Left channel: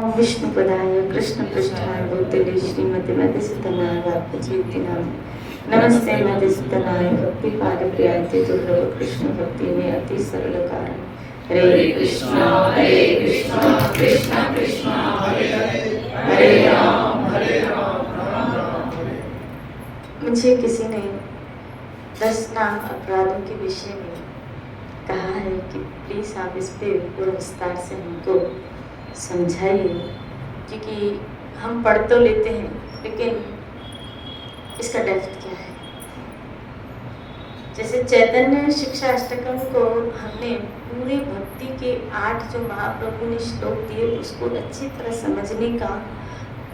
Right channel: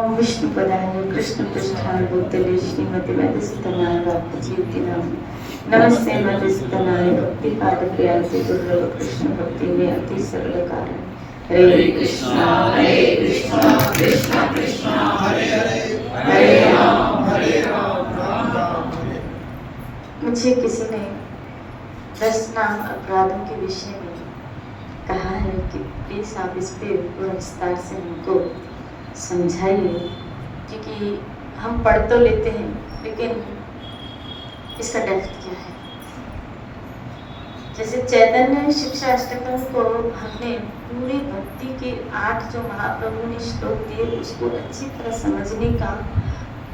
ओम विष्णु पदाय कृष्ण पृष्ठाय भूतले श्रीमती मधुसूदनाय भक्तिनाम नमस्ते मधुसूदनाय भक्ति पाद प्रियाति दुर्लभ कृष्ण भक्ति में अति सरल कारण हरे कृष्णा कृष्ण कृष्ण हरे हरे हरे राम राम राम हरे। मुझे किसी ने 10 नाम अपराधों के विषय में कहा है कि प्लीज आप इस पे विस्तार से हमको समझाइए, क्योंकि हम पढ़ तो लेते हैं लेकिन इसका डेप्थ क्या है। जैसे चैतन्य शिक्षा अष्टकम को हमने पूरी भक्ति के 8 जो महाप्रभु ने श्लोक दिए उसको अच्छी तरह समझने का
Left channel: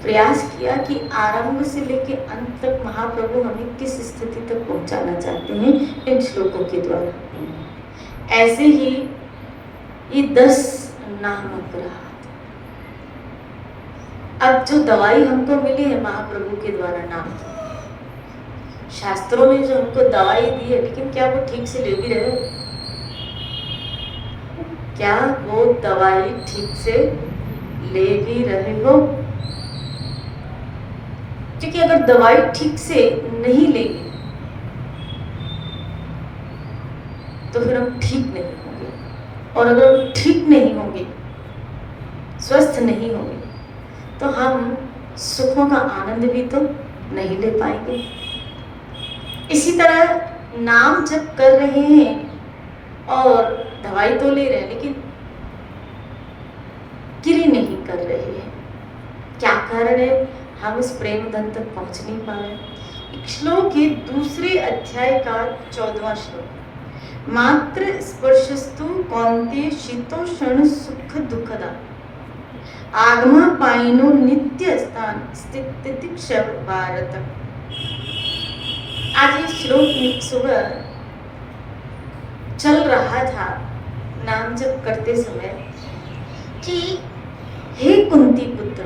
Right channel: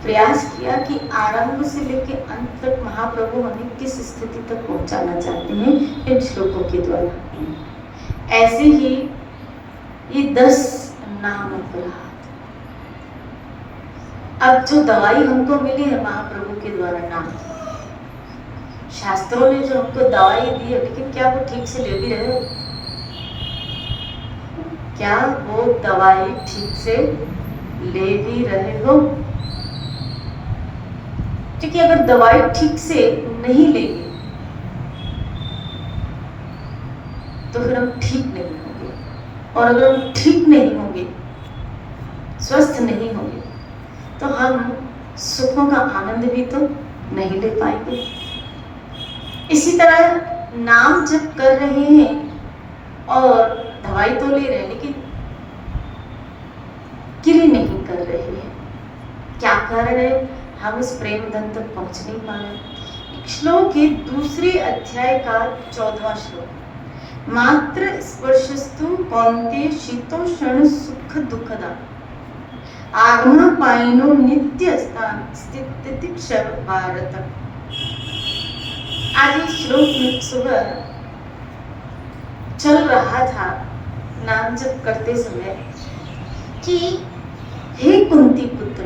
प्रयास किया कि आरंभ से लेकर अंत तक महाप्रभु हमें किस स्थिति तक पहुंचाना चाहते हैं इन श्लोकों के द्वारा। ऐसे ही ये 10 नाम अपराध, अब जो दवाई हमको मिली है महाप्रभु के द्वारा नाम, शास्त्रों में जो हमको दवाई दी है, लेकिन क्या वो ठीक से ले भी रहे हो? क्या वो दवाई ठीक से ले भी रहे हो? क्योंकि अगर दवाई ठीक से नहीं लेंगे तो फिर हम ठीक नहीं होंगे, और अगर हम ठीक नहीं होंगे, स्वस्थ नहीं होंगे, तो हम सुखों का आनंद भी तो नहीं ले पाएंगे। इसी तरह नाम जप कर रहे हैं और दवाई तो ले रहे हैं लेकिन क्रिया नहीं कर रहे हैं। क्या कारण है? हम इस प्रेम धन तक पहुंच नहीं पा रहे। श्लोक के दूसरे अध्याय का 14वां श्लोक, मात्र स्पर्शस्तु कौन्तेय शीतोष्ण सुख दुखदा आगमा पाइनो नित्य स्थान स्थितिक्षर भारत। आज ये श्लोक सुबह चल रहा था नाम जप करते समय कि हे कुंती पुत्र,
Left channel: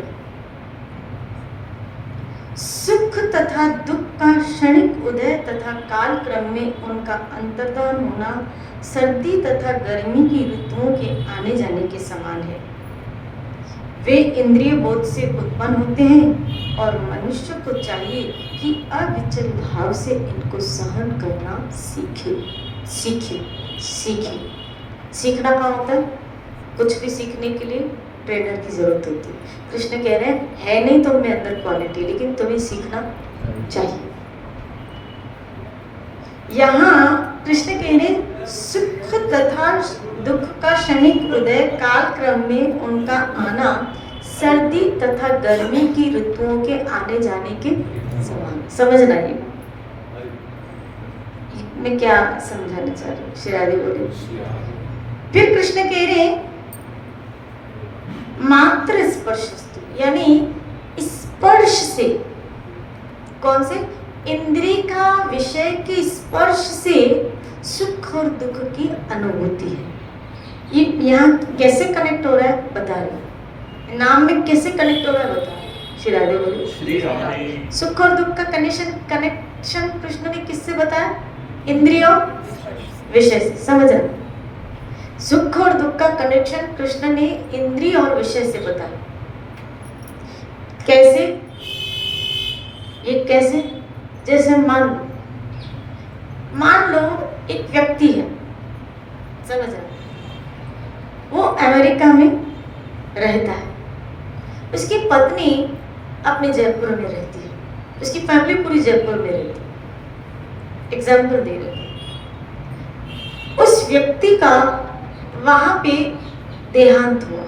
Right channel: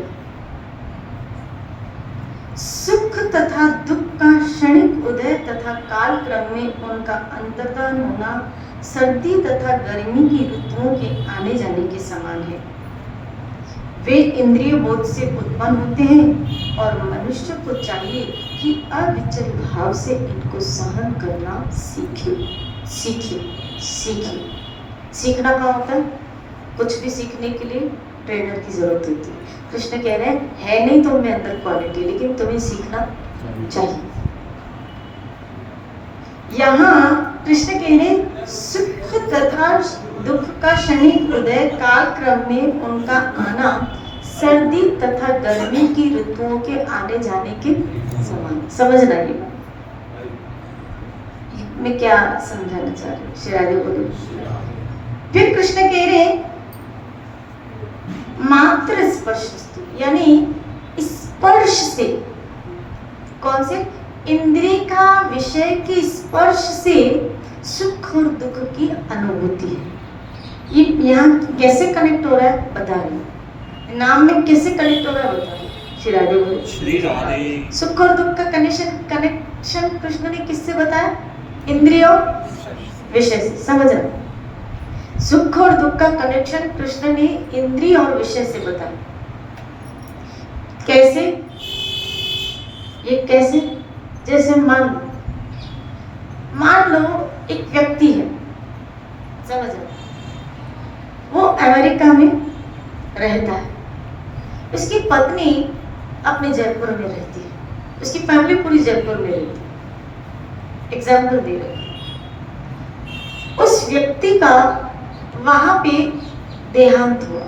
सुख तथा दुख का क्षणिक उदय तथा काल क्रम में उनका अंतर्धान होना सर्दी तथा गर्मी की ऋतुओं के आने जाने के समान है। वे इंद्रिय बोध से उत्पन्न होते हैं और मनुष्य को चाहिए कि अविचल भाव से इनको सहन करना सीखे। सीखना क्या होता है? कुछ भी सीखने के लिए ट्रेनर की जरूरत होती है। कृष्ण कह रहे हैं है नहीं तो उनमें अंदर क्वालिटी, लेकिन तुम्हें सीखना चाहिए। यहाँ कृष्ण कह रहे हैं सुख तथा दुख का क्षणिक उदय काल क्रम में उनका आना सर्दी तथा गर्मी की ऋतुओं के आने जाने के समान। समझना ये मैं क्या समझाना चाह रही हूँ। श्री राधे बोले। फिर कृष्ण कह रहे मात्र स्पर्श, यानी स्पर्श से, कौन से? इंद्रिय का विषय के स्पर्श से सुख और दुख की अनुभूति है। ये यहाँ कैसे कनेक्ट हो रहा है बता रही हूँ। नाम में कैसे कनेक्ट हो रहा है बता रही हूँ। श्री राधे बोलो। श्री राधे। सुख और दुख का कनेक्शन कृष्ण ने किससे बताया? इंद्रिय और विषय से। समझ रहे? सुख और दुख का कनेक्शन कृष्ण ने इंद्रिय और विषय से बताया। कैसे? ये कैसे? जैसे मान लो एक व्यक्ति है, समझ रहे, वो अमेरिका में रहता है, उसकी पत्नी अपने जयपुर में रहती है, उसकी फैमिली पूरी जयपुर में रहती है। एग्जाम्पल दे रहे हैं। उस व्यक्ति का वहां पे देहांत हुआ,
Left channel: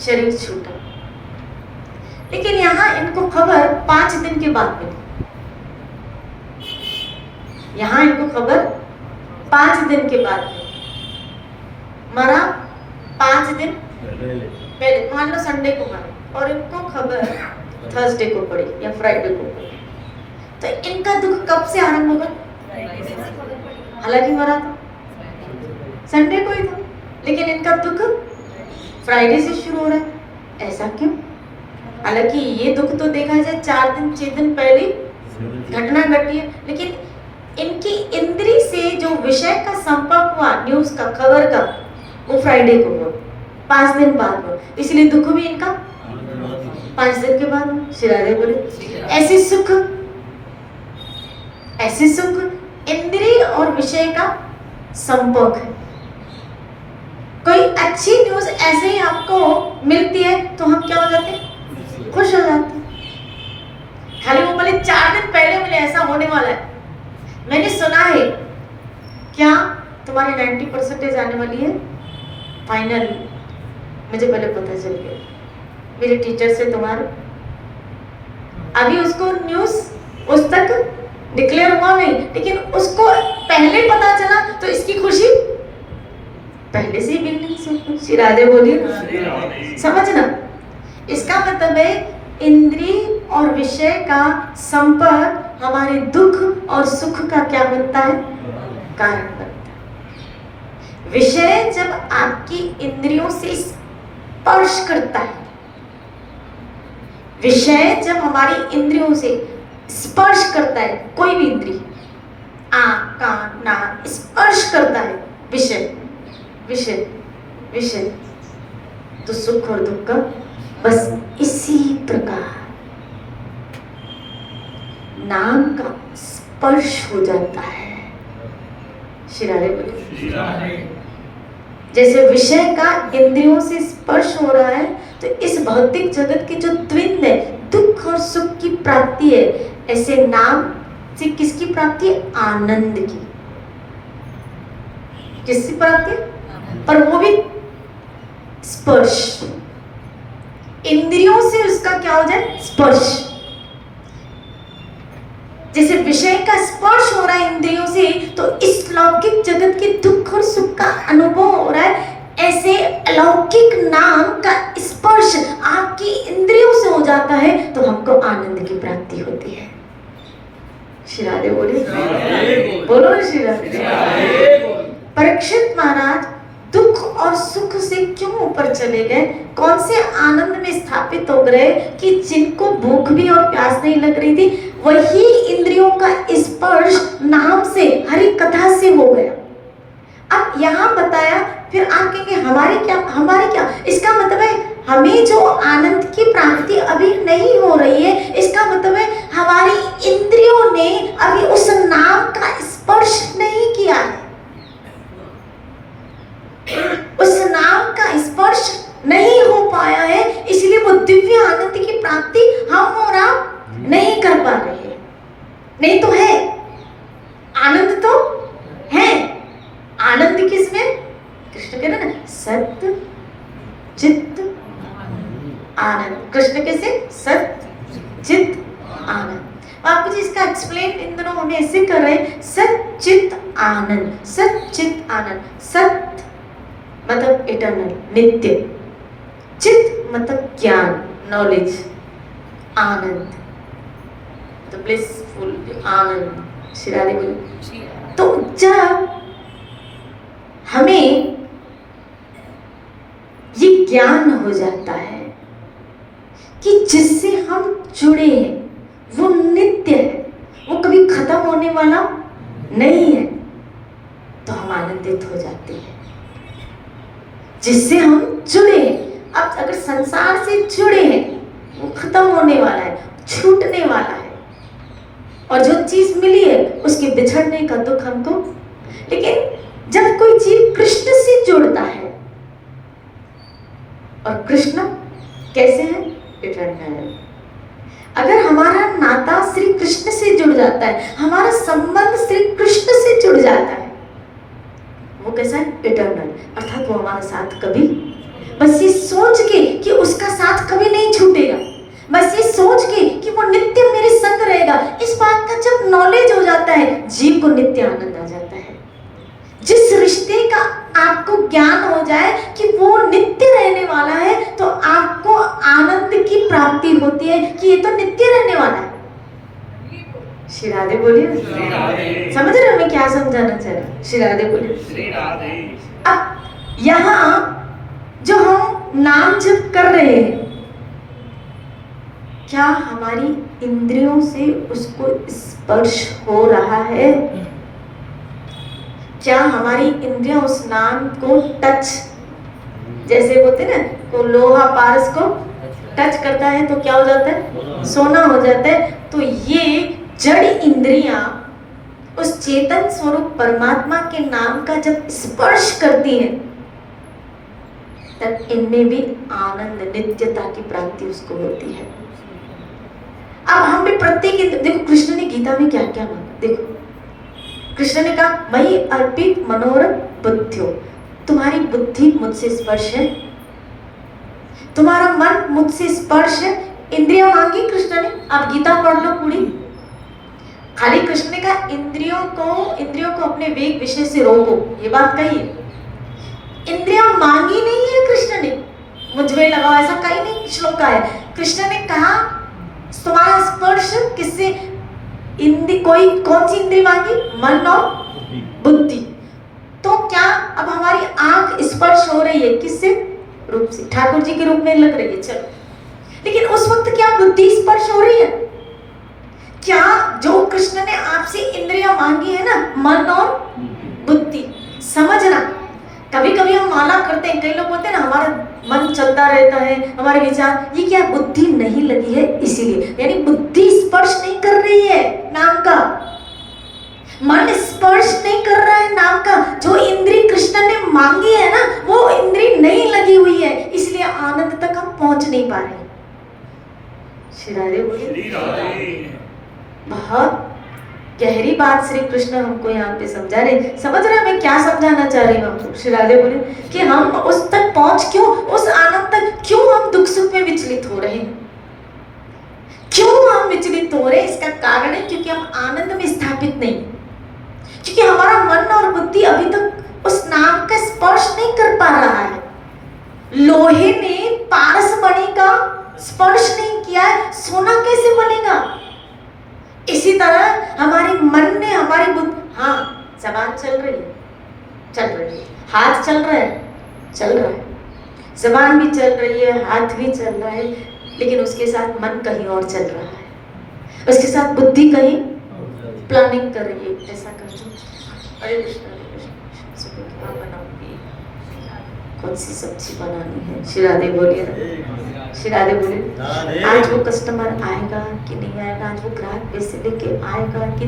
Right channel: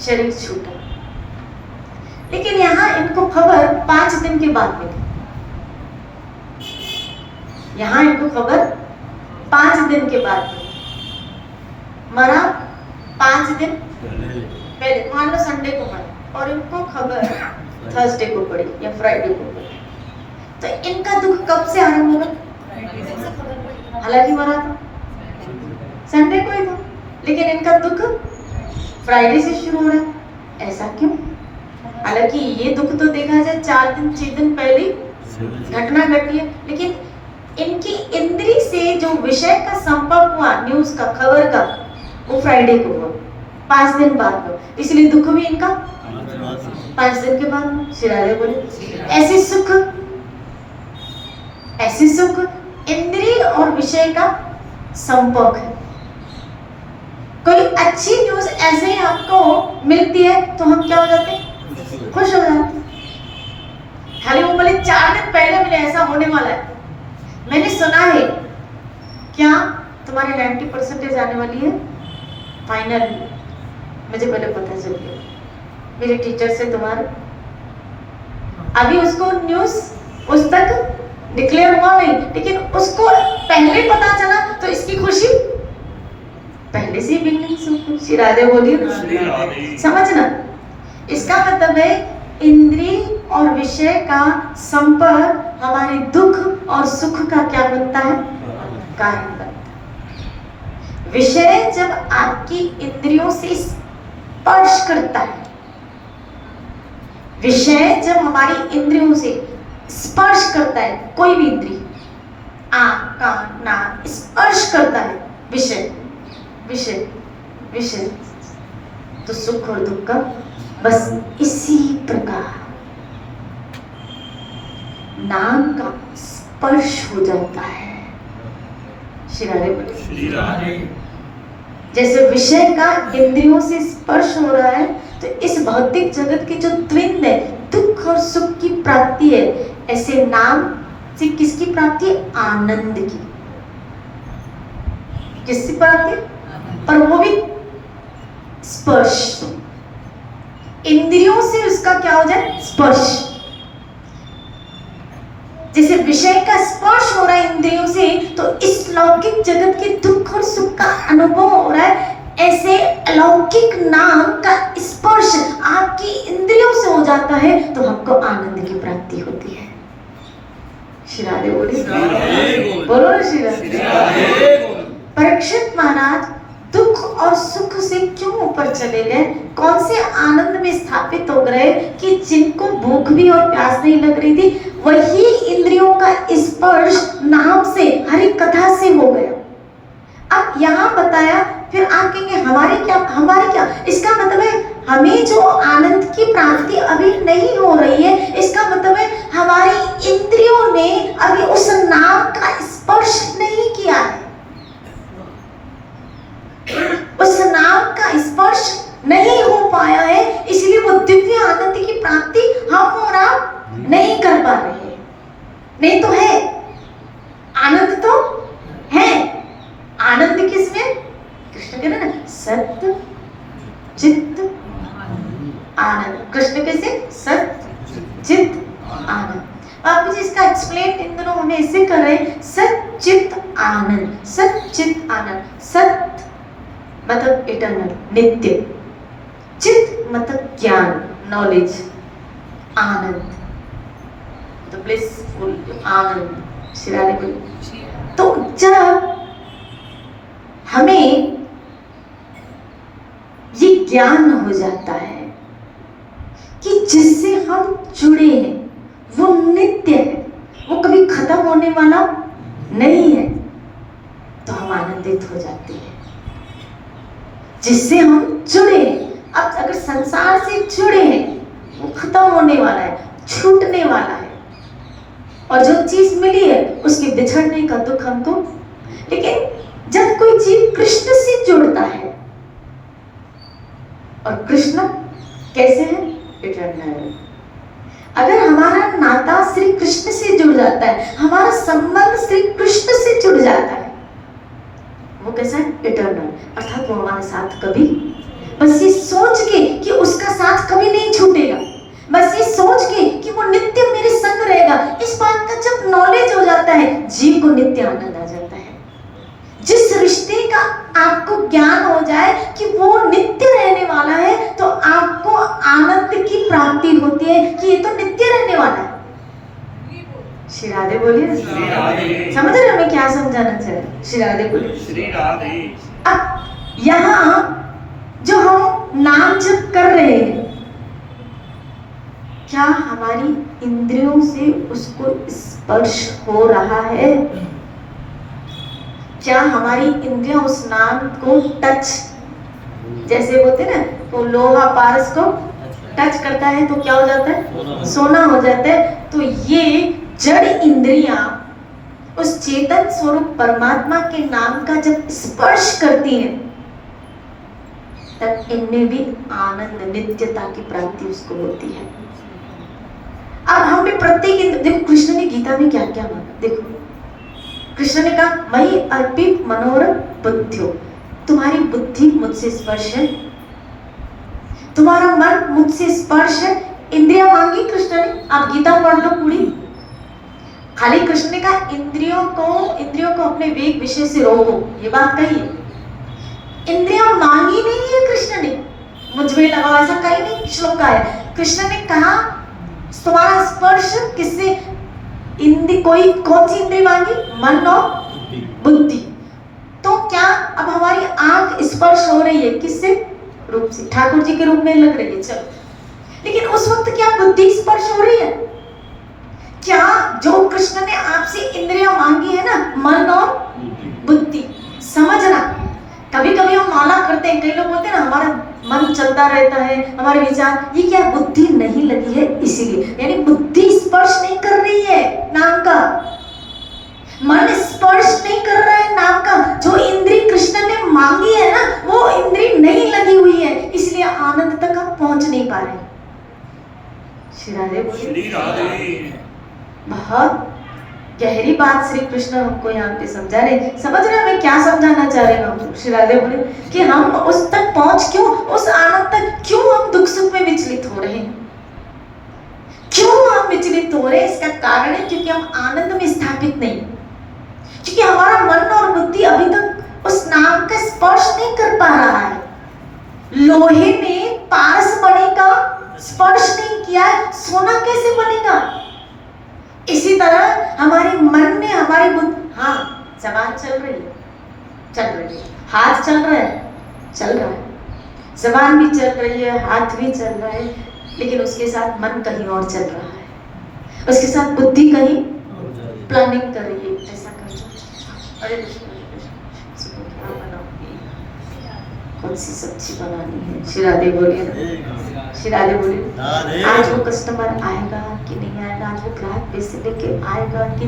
शरीर छूटा, लेकिन यहाँ इनको खबर 5 दिन के बाद मिली। यहाँ इनको खबर 5 दिन के बाद मिली। मरा 5 दिन पहले, मान लो संडे को मरा और इनको खबर थर्सडे को पड़ी या फ्राइडे को पड़ी, तो इनका दुख कब से आरंभ होगा? हालांकि मरा था संडे को ही था, लेकिन इनका दुख फ्राइडे से शुरू हो रहा है। ऐसा क्यों? हालांकि ये दुख तो देखा जाए 4 दिन 6 दिन पहले घटना घटी है, लेकिन इनकी इंद्री से जो विषय का संपर्क हुआ, न्यूज का, खबर का, वो फ्राइडे को हुआ। 5 दिन बाद, इसलिए दुख भी इनका 5 दिन के बाद। श्री राधे बोले ऐसे सुख इंद्रिय और विषय का संपर्क है। कोई अच्छी न्यूज ऐसे ही आपको मिलती है तो हम क्या हो जाते हैं? खुश हो जाते हैं। खाली वो बोले 4 दिन पहले मिले ऐसा होने वाला है, मैंने सुना है, क्या तुम्हारी 90% आने वाली है फाइनल? मुझे पहले पता चल गया, मेरे टीचर से तुम्हारे, अभी उसको न्यूज उस तक डिक्लेयर हुआ नहीं, लेकिन उसको पहले पता चला तो इसकी खुशी पहले से ही बिल्कुल। श्री राधे बोलिए, समझना। इसका मतलब है इंद्रिय और विषय का संपर्क हमारे दुख और सुख का क्या बनता है? कारण बनता है। विषय जब आपकी इंद्रियों से स्पर्श करता है, विषय जब हमारी इंद्रियों से स्पर्श करता है, कोई भी इंद्रिय, आंख, कान, नाक स्पर्श करता है विषय विषय विषय, तो सुख और दुख का बस इसी प्रकार नाम का स्पर्श हो जाता है। श्री राधे। जैसे विषय का इंद्रियों से स्पर्श हो रहा है, तो इस भौतिक जगत की जो द्वंद्व है, दुख और सुख की प्राप्ति है, ऐसे नाम से किसकी प्राप्ति है? आनंद की। किसकी प्राप्ति? पर वो भी स्पर्श, इंद्रियों से उसका क्या हो जाए? स्पर्श। जैसे विषय का स्पर्श हो रहा है इंद्रियों से, तो इस लौकिक जगत के दुख और सुख का अनुभव हो रहा है, ऐसे अलौकिक नाम का स्पर्श आपकी इंद्रियों से हो जाता है, तो हमको आनंद की प्राप्ति होती है। श्री राधे बोलिए, बोलो श्री राधे। परीक्षित महाराज दुख और सुख से क्यों ऊपर चले गए? कौन से आनंद में स्थापित हो गए कि जिनको भूख भी और प्यास नहीं लग रही थी, वही इंद्रियों का स्पर्श नाम से, हरि कथा से हो गया। अब यहाँ बताया, फिर आप कहेंगे हमारे क्या? इसका मतलब है हमें जो आनंद की प्राप्ति अभी नहीं हो रही है, इसका मतलब है हमारी इंद्रियों ने अभी उस नाम का स्पर्श नहीं किया है, उस नाम का स्पर्श नहीं हो पाया है, इसलिए वो दिव्य आनंद की प्राप्ति हम और आप नहीं कर पा रहे हैं। नहीं तो है, आनंद तो है। आनंद किसमें? कृष्ण कह रहे ना, सत्य चित्त आनंद। कृष्ण कैसे? सत्य चित्त आनंद। आप मुझे इसका एक्सप्लेन इन दोनों हमें ऐसे कर रहे हैं, सत्य चित्त आनंद। सत्य चित्त आनंद, सत्य मतलब इटर्नल, नित्य, चित्त मतलब ज्ञान, नॉलेज, आनंद तो ब्लिसफुल आनंद। श्री राधे बोली। तो जब हमें ये ज्ञान हो जाता है कि जिससे हम जुड़े हैं वो नित्य है, वो कभी खत्म होने वाला नहीं है, तो हम आनंदित हो जाते हैं। जिससे हम जुड़े हैं, अब अगर संसार से जुड़े हैं, वो खत्म होने वाला है, छूटने वाला है, और जो चीज मिली है उसके बिछड़ने का दुख हमको। लेकिन जब कोई जीव कृष्ण से जुड़ता है, और कृष्ण कैसे है? इटर्नल। अगर हमारा नाता श्री कृष्ण से जुड़ जाता है, हमारा संबंध श्री कृष्ण से जुड़ जाता है, वो कैसा है? इटर्नल। अर्थात वो हमारे साथ कभी, बस ये सोच के कि उसका साथ कभी नहीं छूटेगा, बस ये सोच के कि वो नित्य मेरे संग रहेगा, इस बात का जब नॉलेज हो जाता है, जीव को नित्य आनंद आ जाता है। जिस रिश्ते का आपको ज्ञान हो जाए कि वो नित्य रहने वाला है, तो आपको आनंद की प्राप्ति होती है कि ये तो नित्य रहने वाला है। श्री राधे बोलिए। समझ रहे हो मैं क्या समझाना चाह रहा? श्री राधे बोलिए। श्री राधे। अब यहाँ जो हम नाम जप कर रहे हैं, क्या हमारी इंद्रियों से उसको स्पर्श हो रहा है? क्या हमारी इंद्रियां उस नाम को टच जैसे बोलते ना, तो लोहा पारस को टच करता है तो क्या हो जाता है? सोना हो जाता है। तो ये जड़ इंद्रियां उस चेतन स्वरूप परमात्मा के नाम का जब स्पर्श करती हैं, तब इनमें भी आनंद, नित्यता की प्राप्ति उसको होती है। अब हम भी प्रत्येक, देखो कृष्ण ने गीता में क्या क्या माना। देखो कृष्ण ने कहा, मयि अर्पित मनोरम बुद्धियो, तुम्हारी बुद्धि मुझसे स्पर्श है, तुम्हारा मन मुझसे स्पर्श है। इंद्रियां मांगी कृष्ण ने, आप गीता पढ़ लो पूरी। खाली कृष्ण ने कहा इंद्रियों को अपने वेग विषय से रोको, ये बात कही है। इंद्रियां मांगी नहीं है कृष्ण ने, मुझ में लगाओ ऐसा कहीं नहीं श्लोक है। कृष्ण ने कहा तुम्हारा स्पर्श किससे? कोई कौन सी इंद्रिय मांगी? मन और बुद्धि। तो क्या अब हमारी आंख स्पर्श हो रही है किससे? रूप से, ठाकुर जी के रूप में लग रही है, चलो। लेकिन उस वक्त क्या बुद्धि स्पर्श हो रही है? क्या जो कृष्ण ने आपसे इंद्रियां मांगी है ना, मन और बुद्धि, समझना। कभी कभी हम माला करते हैं, कई लोग बोलते हैं ना हमारा मन चलता रहता है, हमारे विचार, ये क्या बुद्धि नहीं लगी है इसीलिए, यानी बुद्धि स्पर्श नहीं कर रही है नाम का, मन स्पर्श नहीं कर रहा है नाम का। जो इंद्री कृष्ण ने मांगी है ना, वो इंद्री नहीं लगी हुई है, इसलिए आनंद तक हम पहुंच नहीं पा रहे। श्री राधे, बहुत गहरी बात श्री कृष्ण हमको यहाँ पे समझा रहे। समझ रहे हैं मैं क्या समझाना चाह रही हूँ? श्री राधे बोले कि हम उस तक पहुंच क्यों, उस आनंद तक क्यों हम दुख सुख में विचलित हो रहे हैं? क्यों हम विचलित हो रहे हैं? इसका कारण है क्योंकि हम आनंद में स्थापित नहीं, क्योंकि हमारा मन और बुद्धि अभी तक उस नाम का स्पर्श नहीं कर पा रहा है। लोहे ने पारस मणि का स्पर्श नहीं किया है, सोना कैसे बनेगा? इसी तरह हमारे मन ने, हमारी बुद्धि, हाँ जबान चल रही है, हाथ चल रहा है, जबान भी चल रही है, हाथ भी चल रहा है, लेकिन उसके साथ मन कहीं और चल रहा है, उसके साथ बुद्धि कहीं प्लानिंग कर रही है, ऐसा कर दो, अरे कौन सी सब्जी बनानी है? श्री राधे बोलिए, श्री राधे बोलिए। आज वो कस्टमर आएगा कि नहीं आएगा, आज वो ग्राहक पैसे लेके आएगा कि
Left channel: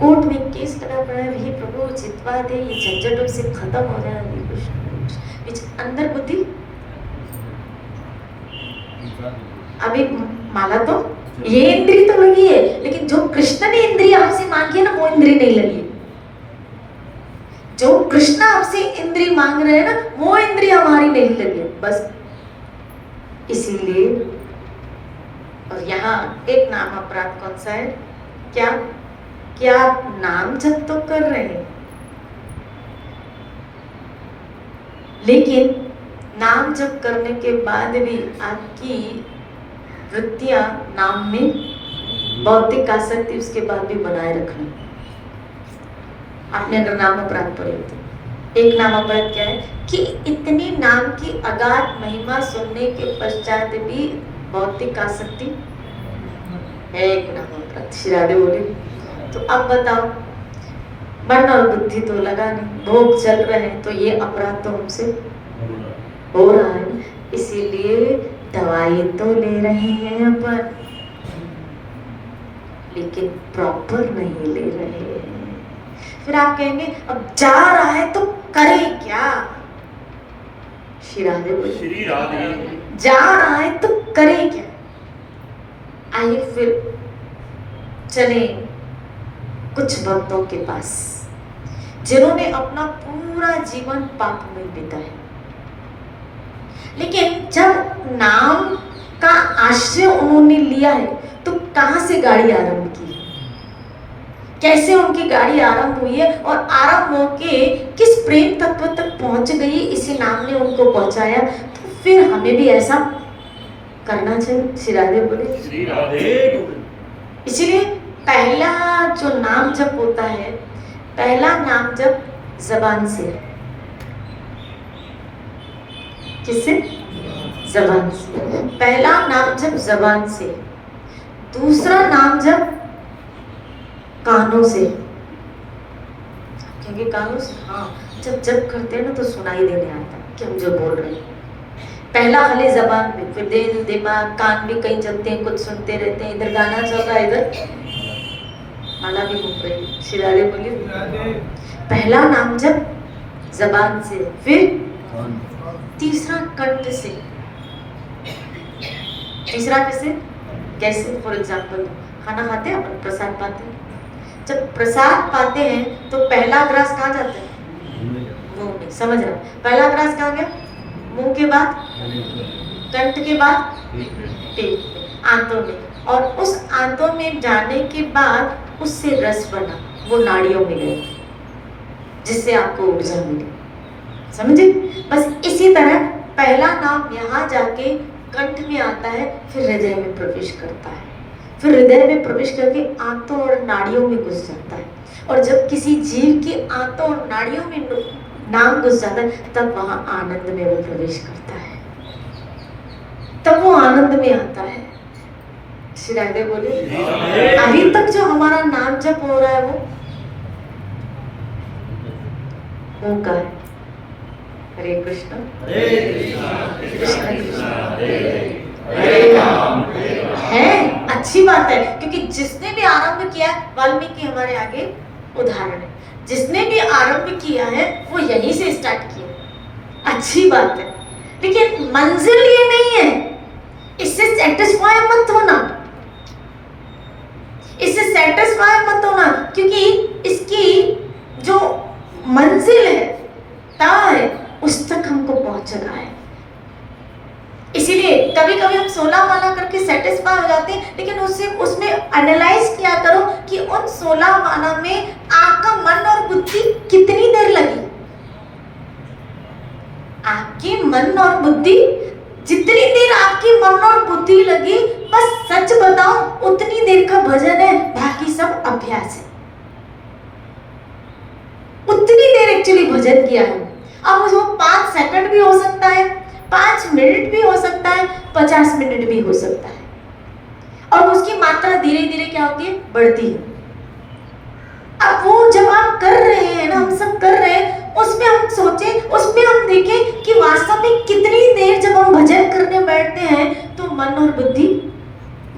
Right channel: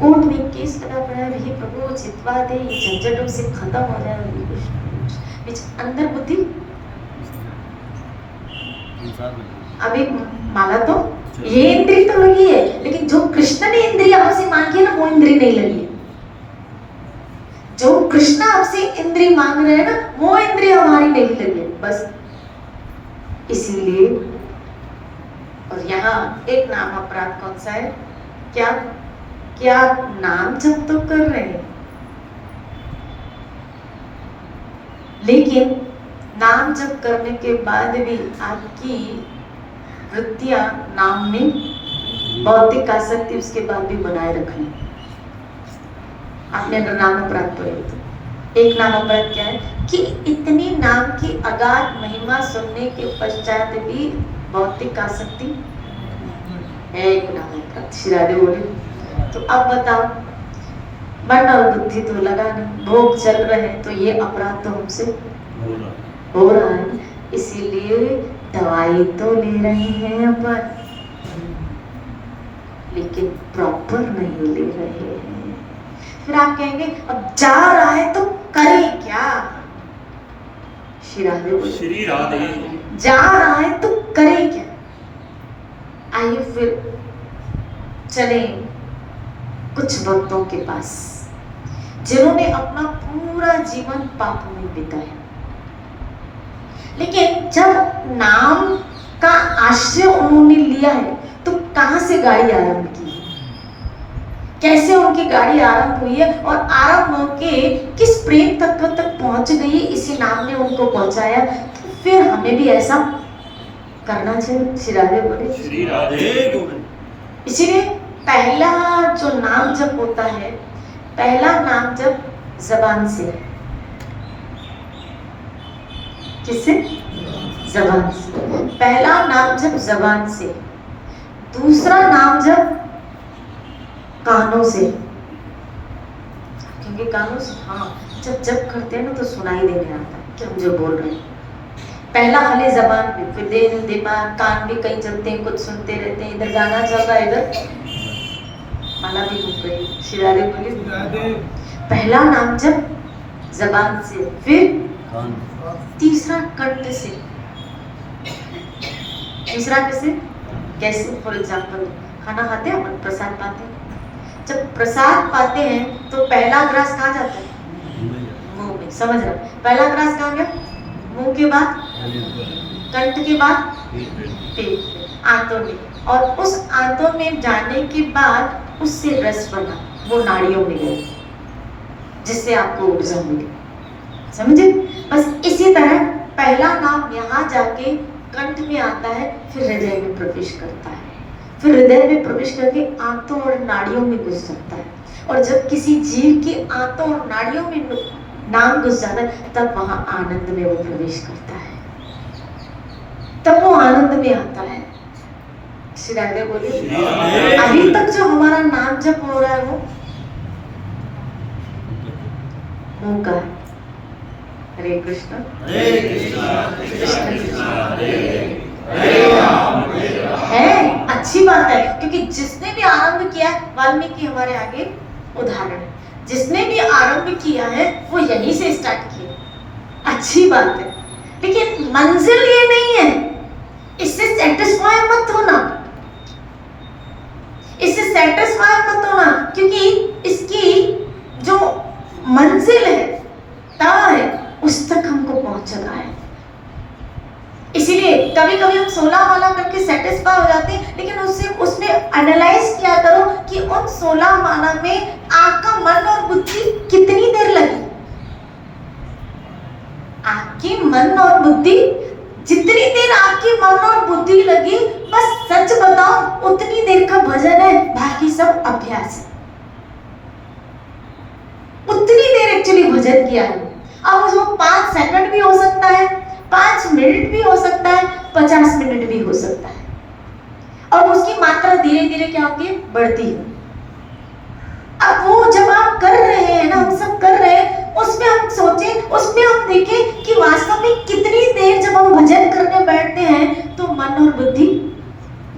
कोर्ट में केस लगा पड़ा है, ये प्रभु जितवा दे, ये झंझटों से खत्म हो जाए। अंदर बुद्धि अभी माला तो ये इंद्री तो लगी है, लेकिन जो कृष्ण ने इंद्री आपसे मांगी है ना, वो इंद्री नहीं लगी। जो कृष्ण आपसे इंद्री मांग रहे हैं ना, वो इंद्री हमारी नहीं लगी, बस इसीलिए। और यहाँ एक नाम अपराध कौन सा है? क्या आप नाम जप तो कर रहे हैं, लेकिन नाम जप करने के बाद भी आपकी वृत्तियां नाम में, भौतिक आसक्ति उसके बाद भी बनाए रखनी। आपने अगर नाम अपराध पढ़े तो एक नाम अपराध क्या है कि इतनी नाम की अगाध महिमा सुनने के पश्चात भी भौतिक आसक्ति है, एक नाम अपराध। श्री राधे बोले तो अब बताओ, मन और बुद्धि तो लगा नहीं, भोग चल रहे हैं, तो ये अपराध तो हमसे हो रहा है, इसीलिए दवाई तो ले रहे हैं अपन, लेकिन प्रॉपर नहीं ले रहे हैं। फिर आप कहेंगे अब जा रहा है तो करे क्या? श्री राधे बोले, श्री राधे, जा रहा है तो करे क्या? आइए फिर चले कुछ भक्तों के पास जिन्होंने अपना पूरा जीवन पाप में बिताया, लेकिन जब नाम का आश्रय उन्होंने लिया है तो कहां से गाड़ी आरंभ की, कैसे उनकी गाड़ी आरंभ हुई है और आरंभ होके किस प्रेम तत्व तक पहुंच गई, इसी नाम ने उनको पहुंचाया। तो फिर हमें भी ऐसा करना चाहिए। श्री राधे बोले, श्री राधे। इसीलिए पहला जो नाम जप होता है, पहला नाम जप जबान से, किससे? जबान से। पहला नाम जप जबान से, दूसरा नाम जप कानों से। कहेंगे कानों से? हाँ, जब जप करते हैं ना तो सुनाई देने आता है कि हम जो बोल रहे हैं। पहला खाली जबान में, फिर दिल दिमाग कान भी कहीं चलते हैं, कुछ सुनते रहते हैं, इधर गाना चल रहा है, इधर माला भी घूम रही है। शिराले बोली पहला नाम जब जबान से, फिर तीसरा कंठ से। तीसरा कैसे? फॉर एग्जाम्पल खाना खाते हैं अपन, प्रसाद पाते हैं। जब प्रसाद पाते हैं तो पहला ग्रास कहाँ जाता है? मुंह में। समझ रहा? पहला ग्रास कहाँ गया? मुंह के बाद, कंठ के बाद पेट में, आंतों में, और उस आंतों में जाने के बाद उससे रस बना, वो नाड़ियों में गया, जिससे आपको ऊर्जा मिली। समझे? बस इसी तरह पहला नाम यहाँ जाके कंठ में आता है, फिर हृदय में प्रवेश करता है, फिर हृदय में प्रवेश करके आंतों और नाड़ियों में घुस जाता है। और जब किसी जीव की आंतों और नाड़ियों में नाम घुस जाता है, तब वहां आनंद में वो प्रवेश करता है, तब वो आनंद में आता है। श्री राधे बोले अभी तक जो हमारा नाम जप हो रहा है वो का है। हरे कृष्ण कृष्ण कृष्ण है। अच्छी बात है, क्योंकि जिसने भी आरंभ किया, वाल्मीकि हमारे आगे उदाहरण है, जिसने भी आरंभ किया है वो यहीं से स्टार्ट किया। अच्छी बात है, लेकिन मंजिल ये नहीं है। इससे सेटिस्फाई मत होना, इससे सेटिस्फाई मत होना, क्योंकि इसकी जो मंजिल है, तार है, उस तक हमको पहुंचना है। इसीलिए कभी कभी हम 16 माला करके सेटिस्फाई हो जाते हैं, लेकिन उसमें एनालाइज किया करो कि उन 16 माला में आपका मन और बुद्धि कितनी देर लगी। आपकी मन और बुद्धि, जितनी देर आपकी मन और बुद्धि लगी, बस सच बताओ उतनी देर का भजन है, बाकी सब अभ्यास है। उतनी देर एक्चुअली भजन किया है। अब वो 5 सेकंड भी हो सकता है, 5 मिनट भी हो सकता है, 50 मिनट भी हो सकता है, और उसकी मात्रा धीरे धीरे क्या होती है? बढ़ती है। अब वो जब आप कर रहे हैं ना, हम सब कर रहे हैं, उसमें हम सोचें, उसमें हम देखें कि वास्तव में कितनी देर जब हम भजन करने बैठते हैं तो मन और बुद्धि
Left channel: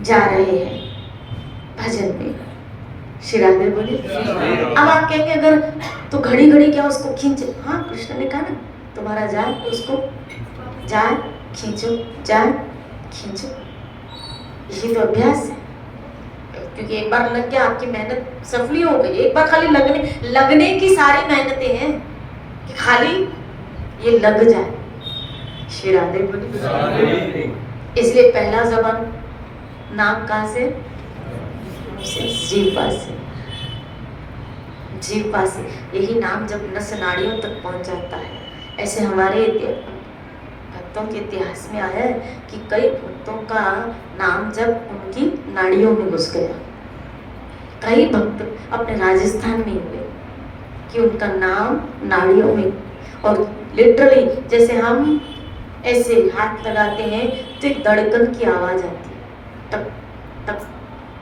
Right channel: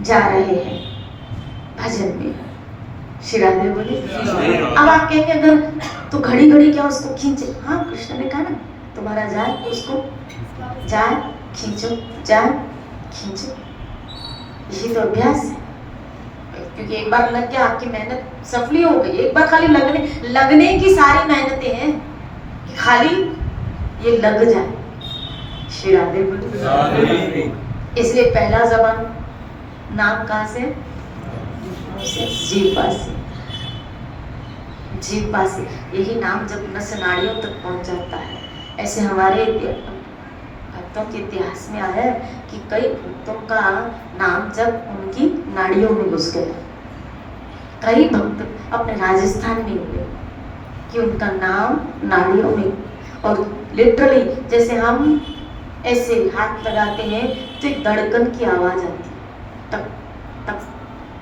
जा रहे हैं भजन में। श्री राधे बोले अब आप कहेंगे अगर तो घड़ी घड़ी क्या उसको खींचे? हाँ, कृष्ण ने कहा ना, तुम्हारा जाए उसको जाए खींचो, जाए खींचो। यही तो अभ्यास है, क्योंकि एक बार लग गया, आपकी मेहनत सफली हो गई। एक बार खाली लगने की सारी मेहनतें हैं कि खाली ये लग जाए। श्री राधे बोले इसलिए पहला जबान नाम कहाँ से? जीवा से। जीवा से यही नाम जब नस नाड़ियों तक पहुंच जाता है। ऐसे हमारे भक्तों के इतिहास में आया है कि कई भक्तों का नाम जब उनकी नाड़ियों में घुस गया। कई भक्त अपने राजस्थान में हुए कि उनका नाम नाड़ियों में, और लिटरली जैसे हम ऐसे हाथ लगाते हैं तो एक धड़कन की आवाज आती है, टक टक।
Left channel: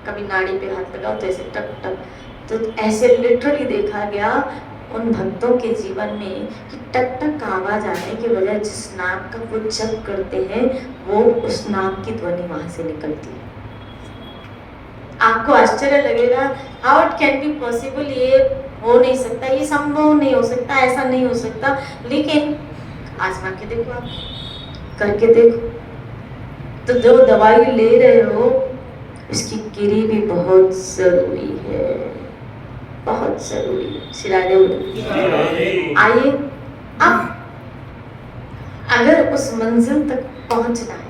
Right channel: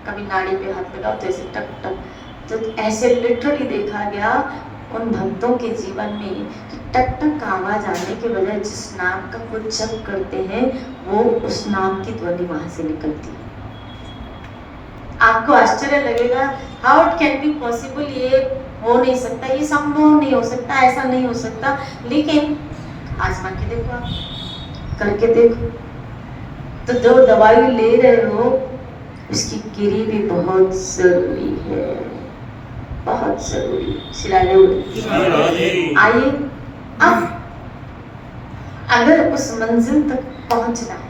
कभी नाड़ी पे हाथ लगाओ तो ऐसे टक टक। तो ऐसे लिटरली देखा गया उन भक्तों के जीवन में कि टक टक आवाज आने के बजाय जिस नाम का वो जप करते हैं, वो उस नाम की ध्वनि वहां से निकलती है। आपको आश्चर्य लगेगा, how it can be possible, ये हो नहीं सकता, ये संभव नहीं हो सकता, ऐसा नहीं हो सकता। लेकिन आजमा के देखो, आप करके देखो। तो जो दवाई ले रहे हो उसकी गिरी भी बहुत जरूरी है, बहुत जरूरी। आइए, अब अगर उस मंजिल तक पहुंचना है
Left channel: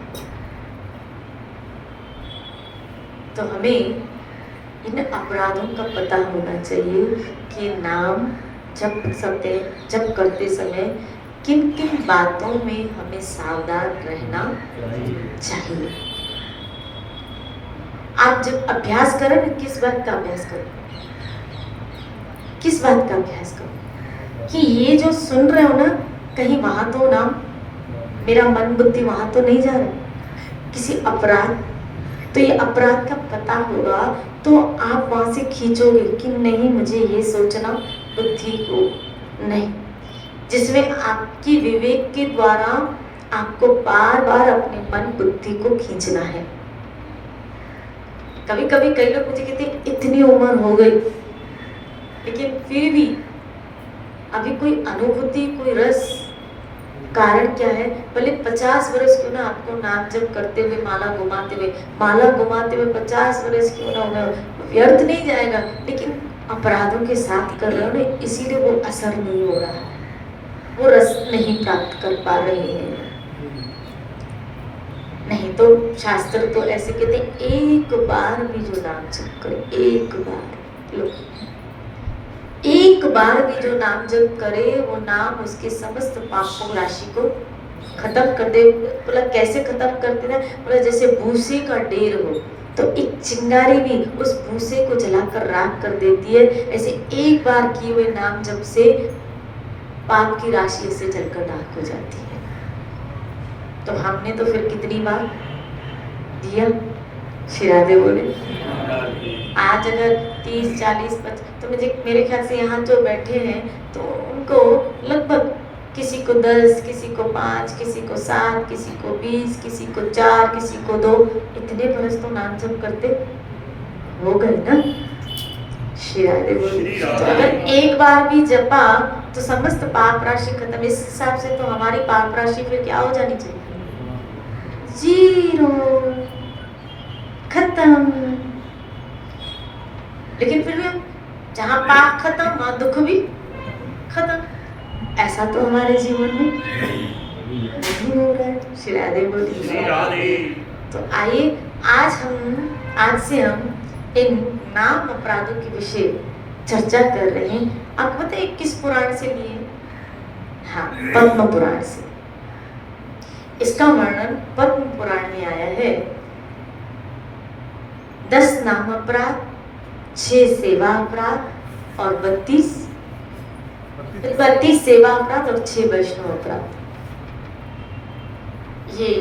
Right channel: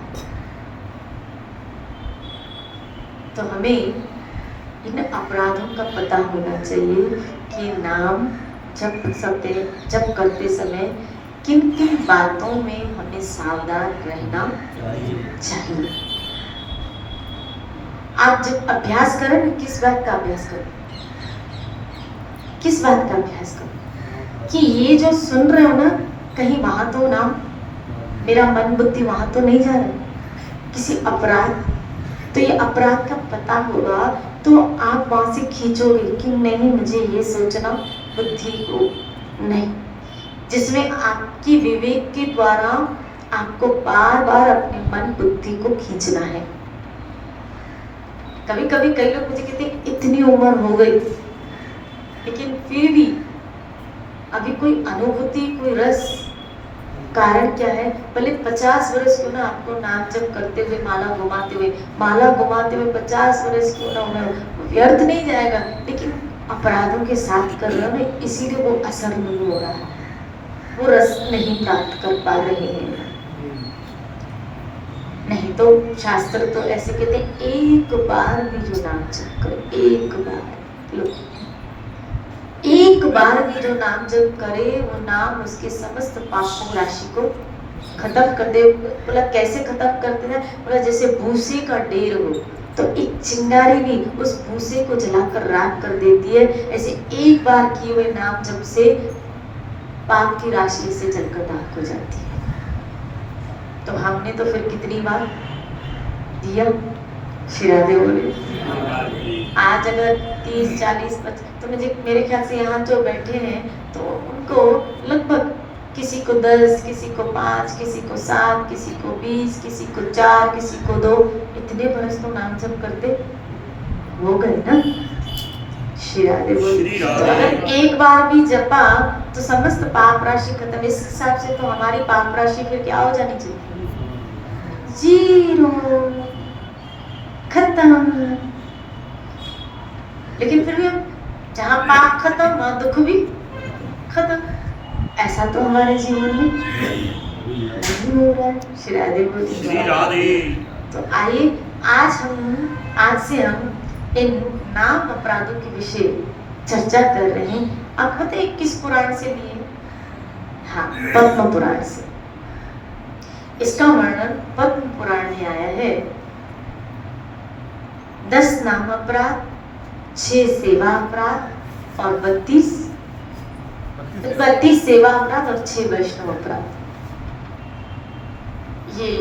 तो हमें इन अपराधों का पता होना चाहिए कि नाम जब करते समय किन किन बातों में हमें सावधान रहना चाहिए। आप जब अभ्यास करें, किस बात का अभ्यास करें? किस बात का अभ्यास करो कि ये जो सुन रहे हो ना, कहीं वहां तो ना मेरा मन बुद्धि वहां तो नहीं जा रहा किसी अपराध। तो ये अपराध का पता होगा तो आप वहां से खींचोगे कि नहीं, मुझे ये सोचना बुद्धि को नहीं, जिसमें आपकी विवेक के द्वारा आपको बार बार अपने मन बुद्धि को खींचना है। कभी कभी कई लोग मुझे कहते हैं इतनी उम्र हो गई लेकिन फिर भी अभी कोई अनुभूति, कोई रस, कारण क्या है? भले 50 वर्ष क्यों ना आपको नाम जप करते हुए, माला घुमाते हुए 50 वर्ष क्यों ना हो, व्यर्थ नहीं जाएगा, लेकिन अपराधों के साथ कर रहे हो ना, इसीलिए वो असर नहीं हो रहा, वो रस नहीं प्राप्त कर पा रहे हैं। नहीं तो शास्त्र तो ऐसे कहते हैं, एक बार भी जो नाम जप करे, एक बार भी जो नाम जप करे, वो नाम उसके समस्त पापों राशि को खत्म कर दे। बोला कैसे खत्म करते हैं? बोला जैसे भूसे का ढेर हो तो एक चिंगारी भी उस भूसे को जलाकर राख कर देती है, ऐसे एक बार किए हुए नाम जप से पाप की राशि से जलकर राख हो जाती है। तो हमने तो फिर कितनी बार दिया? शिरादे बोले आज अगर 30, 40, 50, तो मेरे ख्याल से यहाँ जो बैठे हैं तो उनको लगभग किसी को 10, किसी को 5, किसी को 7, किसी को 20, किसी को 4, किसी को 2, इतने बरस तो नाम जप करते हो गए ना। शिरादे बोले अगर एक बार भी जपा तो समस्त पाप राशि खत्म। इस हिसाब से तो हमारी पाप राशि फिर क्या हो जानी चाहिए? 0 खत्म। लेकिन फिर भी जहाँ पाप खत्म वहाँ दुख भी खत्म। ऐसा तो हमारे जीवन में नहीं हो रहा है। श्री राधे। तो आइए आज से हम इन नाम अपराधों के विषय चर्चा कर रहे हैं। आप पता है किस पुराण से लिए? हाँ, पद्म पुराण से। इसका वर्णन पद्म पुराण में आया है। 10 नाम अपराध, 6 सेवा अपराध और 32 सेवा अपराध और 6 वैष्णव अपराध। ये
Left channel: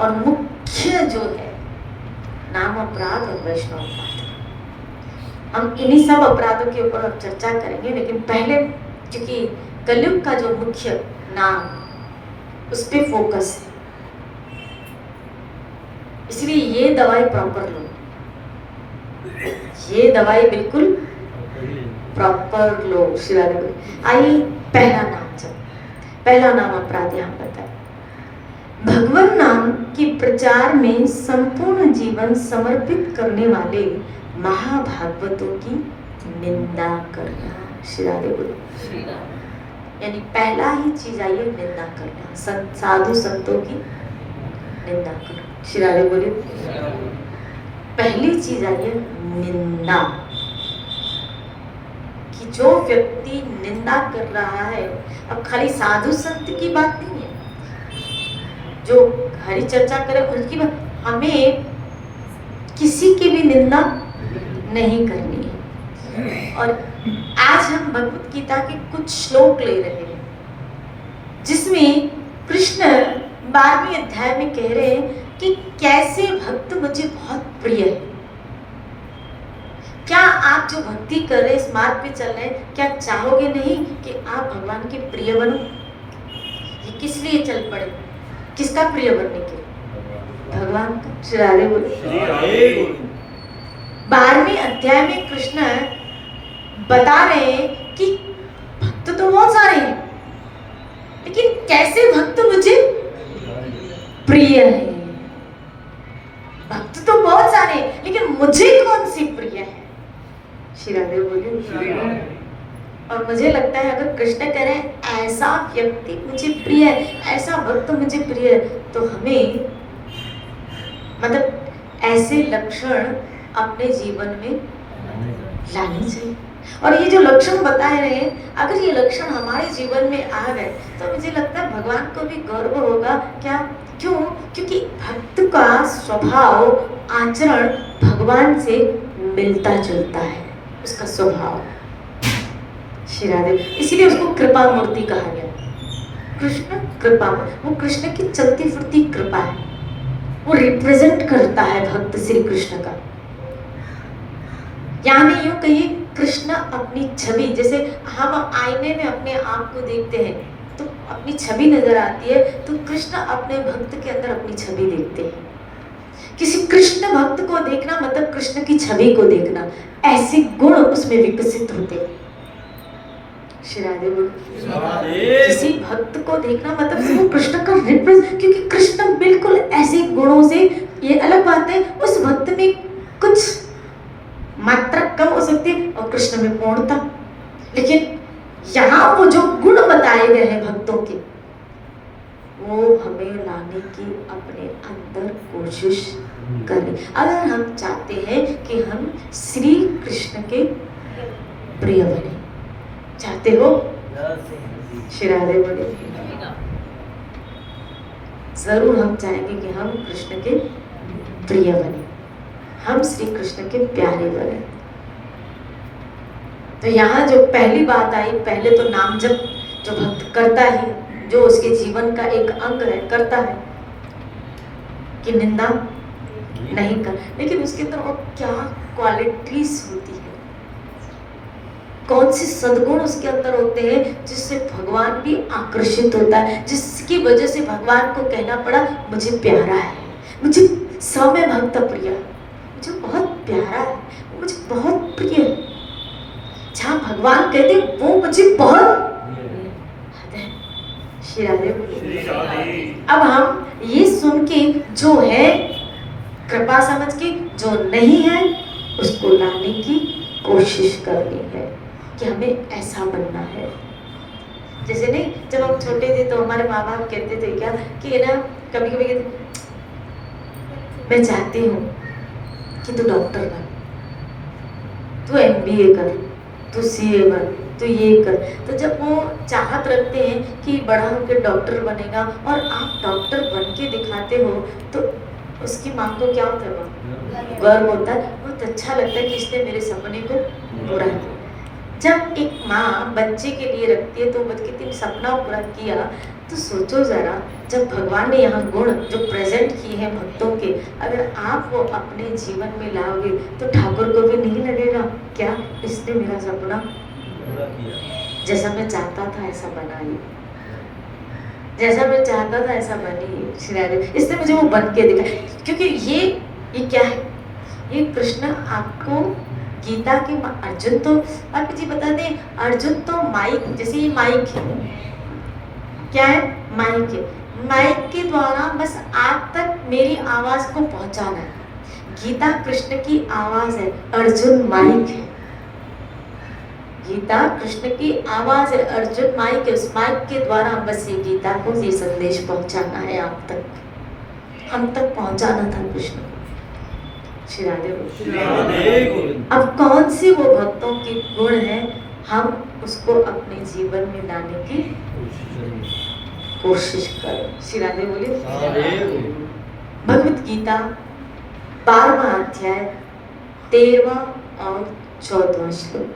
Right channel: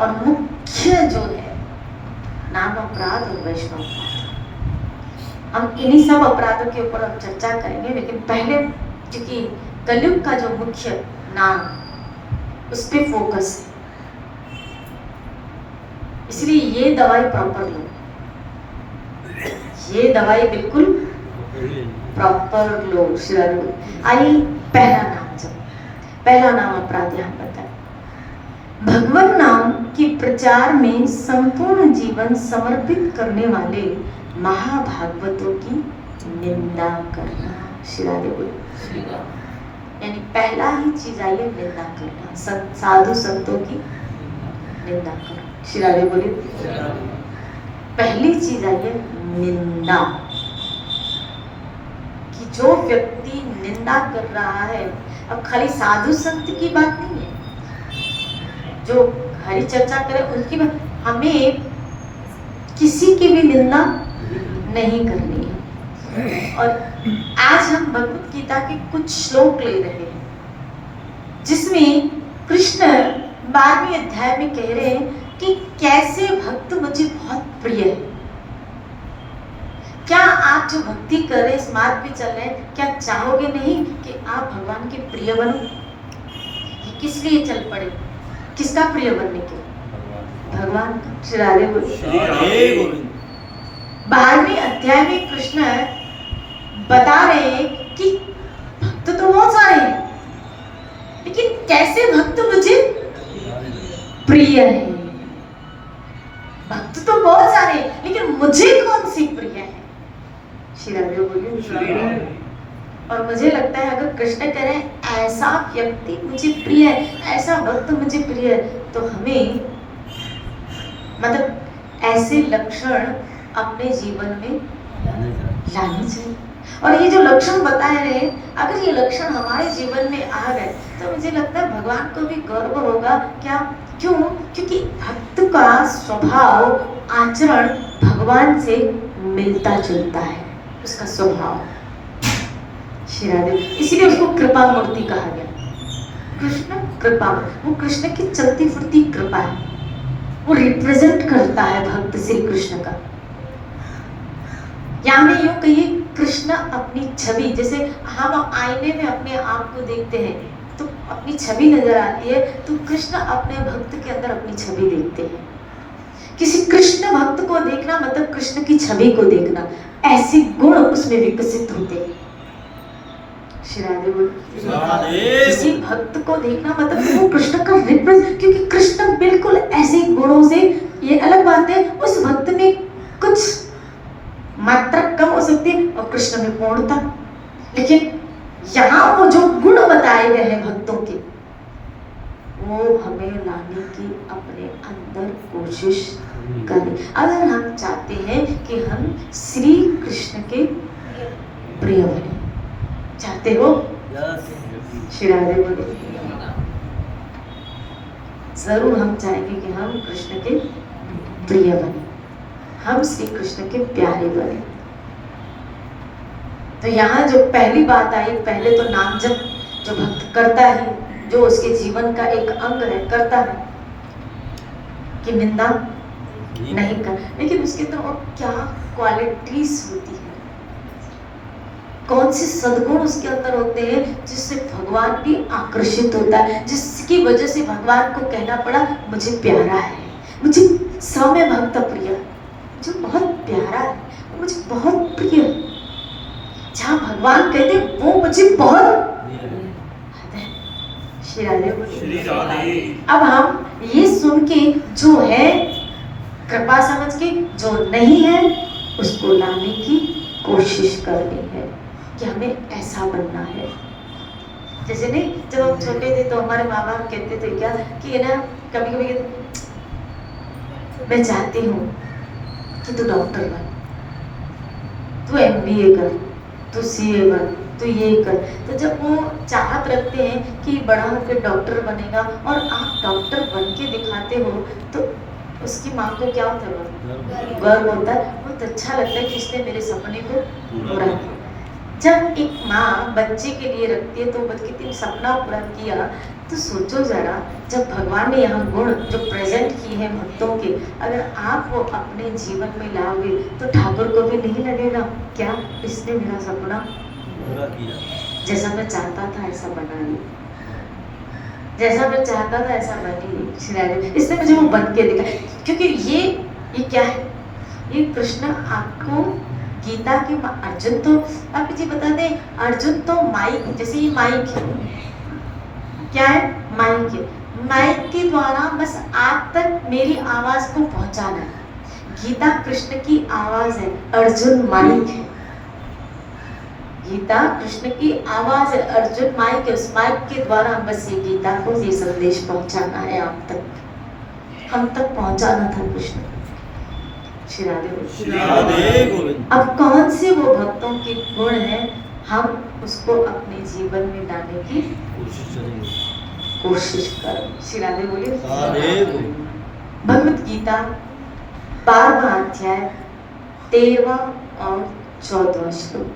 और मुख्य जो है नाम अपराध और वैष्णव अपराध। हम इन्हीं सब अपराधों के ऊपर चर्चा करेंगे, लेकिन पहले क्योंकि कलयुग का जो मुख्य नाम उस पर फोकस है, इसलिए ये दवाई प्रॉपर लो। ये दवाई बिल्कुल प्रॉपर लो। आइए पहला नाम अपराध यहाँ बताए। भगवान नाम के प्रचार में संपूर्ण जीवन समर्पित करने वाले महाभागवतों की निंदा करना। यानी पहला ही चीज आई है निंदा करना, साधु संतों की निंदा करना। शिराले बोलिए, पहली चीज आई है निंदा। कि जो व्यक्ति निंदा कर रहा है, अब खाली साधु संत की बात नहीं है, जो हरि चर्चा करे उनकी बात, हमें किसी की भी निंदा नहीं करनी है। और आज हम भगवत गीता के कुछ श्लोक ले रहे हैं, जिसमें कृष्ण 12वें अध्याय में कह रहे हैं कि कैसे भक्त मुझे बहुत प्रिय है। क्या आप जो भक्ति कर रहे, इस मार्ग पे चल रहे हैं, क्या चाहोगे नहीं कि आप भगवान के प्रिय बनो? ये किस लिए चल पड़े? किसका प्रिय बनने के? भगवान का। श्री राधे बोले। 12वें अध्याय में कृष्ण बता रहे हैं कि भक्त तो बहुत सारे हैं, लेकिन कैसे भक्त मुझे प्रिय है। भक्त तो बहुत सारे हैं, लेकिन मुझे कौन सी प्रिय है? श्री राधे बोलिए। और मुझे लगता है अगर कृष्ण करें ऐसा व्यक्ति मुझे प्रिय है, ऐसा भक्त मुझे प्रिय है, तो हमें मतलब ऐसे लक्षण अपने जीवन में लाने चाहिए। और ये जो लक्षण बताए रहे हैं, अगर ये लक्षण हमारे जीवन में आ गए तो मुझे लगता है भगवान को भी गर्व होगा। क्या? क्यों? क्योंकि भक्त का स्वभाव, आचरण भगवान से मिलता जुलता है, उसका स्वभाव। शिरादेव, इसीलिए उसको कृपा मूर्ति कहा गया। कृष्ण कृपा, वो कृष्ण की चलती फिरती कृपा है, वो रिप्रेजेंट करता है भक्त श्री कृष्ण का। यानी यूं कहिए, कृष्ण अपनी छवि, जैसे हम आईने में अपने आप को देखते हैं तो अपनी छवि नजर आती है, तो कृष्ण अपने भक्त के अंदर अपनी छवि देखते हैं। किसी कृष्ण भक्त को देखना मतलब कृष्ण की छवि को देखना, ऐसे गुण उसमें विकसित होते हैं। श्री राधे बोल। किसी भक्त को देखना मतलब वो कृष्ण का रिप्रेजेंट, क्योंकि कृष्ण बिल्कुल ऐसे गुणों से, ये अलग बात है उस भक्त में कुछ मात्रा कम हो सकती है और कृष्ण में पूर्णता, लेकिन यहाँ वो जो गुण बताए गए हैं भक्तों के, वो हमें लाने की अपने अंदर कोशिश करें। अगर हम चाहते हैं कि हम श्री कृष्ण के प्रिय बने, चाहते हो श्री राधे बोले, जरूर हम चाहेंगे कि हम कृष्ण के प्रिय बने, हम श्री कृष्ण के प्यारे बने। तो यहाँ जो पहली बात आई, पहले तो नाम जप जो भक्त करता है, जो उसके जीवन का एक अंग है, करता है कि निंदा नहीं कर, लेकिन उसके तो क्या क्वालिटीज होती है, कौन से सद्गुण उसके अंदर होते हैं जिससे भगवान भी आकर्षित होता है, जिसकी वजह से भगवान को कहना पड़ा मुझे प्यारा है, मुझे सौम्य भक्त प्रिय, मुझे बहुत प्यारा है, मुझे बहुत प्रिय है। जहाँ भगवान कहते वो मुझे बहुत, श्री राधे। अब हम ये सुन के जो है कृपा समझ के, जो नहीं है उसको लाने की कोशिश करनी है कि हमें ऐसा बनना है। जैसे नहीं, जब हम छोटे थे तो हमारे माँ बाप कहते थे क्या कि है ना, कभी कभी कहते मैं चाहती हूँ कि तू डॉक्टर बन, तू MBA कर, तू CA बन, तो ये कर। तो जब वो चाहत रखते हैं कि बड़ा होकर डॉक्टर बनेगा और आप डॉक्टर बन के दिखाते हो, तो उसकी माँ को क्या होता है, गर्व होता है, बहुत अच्छा लगता है कि इसने मेरे सपने को पूरा किया। जब एक माँ बच्चे के लिए रखती है तो बच्चे के सपना पूरा किया, तो सोचो जरा, जब भगवान ने यहाँ गुण जो प्रेजेंट किए हैं भक्तों के, अगर आप वो अपने जीवन में लाओगे तो ठाकुर को भी नहीं लगेगा क्या इसने मेरा सपना पूरा किया, जैसा मैं चाहता था ऐसा बना ली, जैसा मैं चाहता था ऐसा बनी श्री राधे, इसने मुझे वो बन के दिखा। क्योंकि ये क्या है, ये कृष्ण आपको गीता के, अर्जुन तो आप जी बता दें, अर्जुन तो माइक, जैसे ये माइक है, क्या है, माइक है, माइक के द्वारा बस आप तक मेरी आवाज को पहुंचाना है। गीता कृष्ण की आवाज है, अर्जुन माइक है। गीता कृष्ण की आवाज है, अर्जुन माइक है, उस माइक के द्वारा बस ये गीता को ये संदेश पहुंचाना है आप तक, हम तक पहुंचाना था कृष्ण। श्री राधे। अब कौन से वो भक्तों के गुण हैं, हम उसको अपने जीवन में लाने की कोशिश करें। श्री राधे बोले। भगवत गीता 12वां अध्याय 13वां और 14वां श्लोक,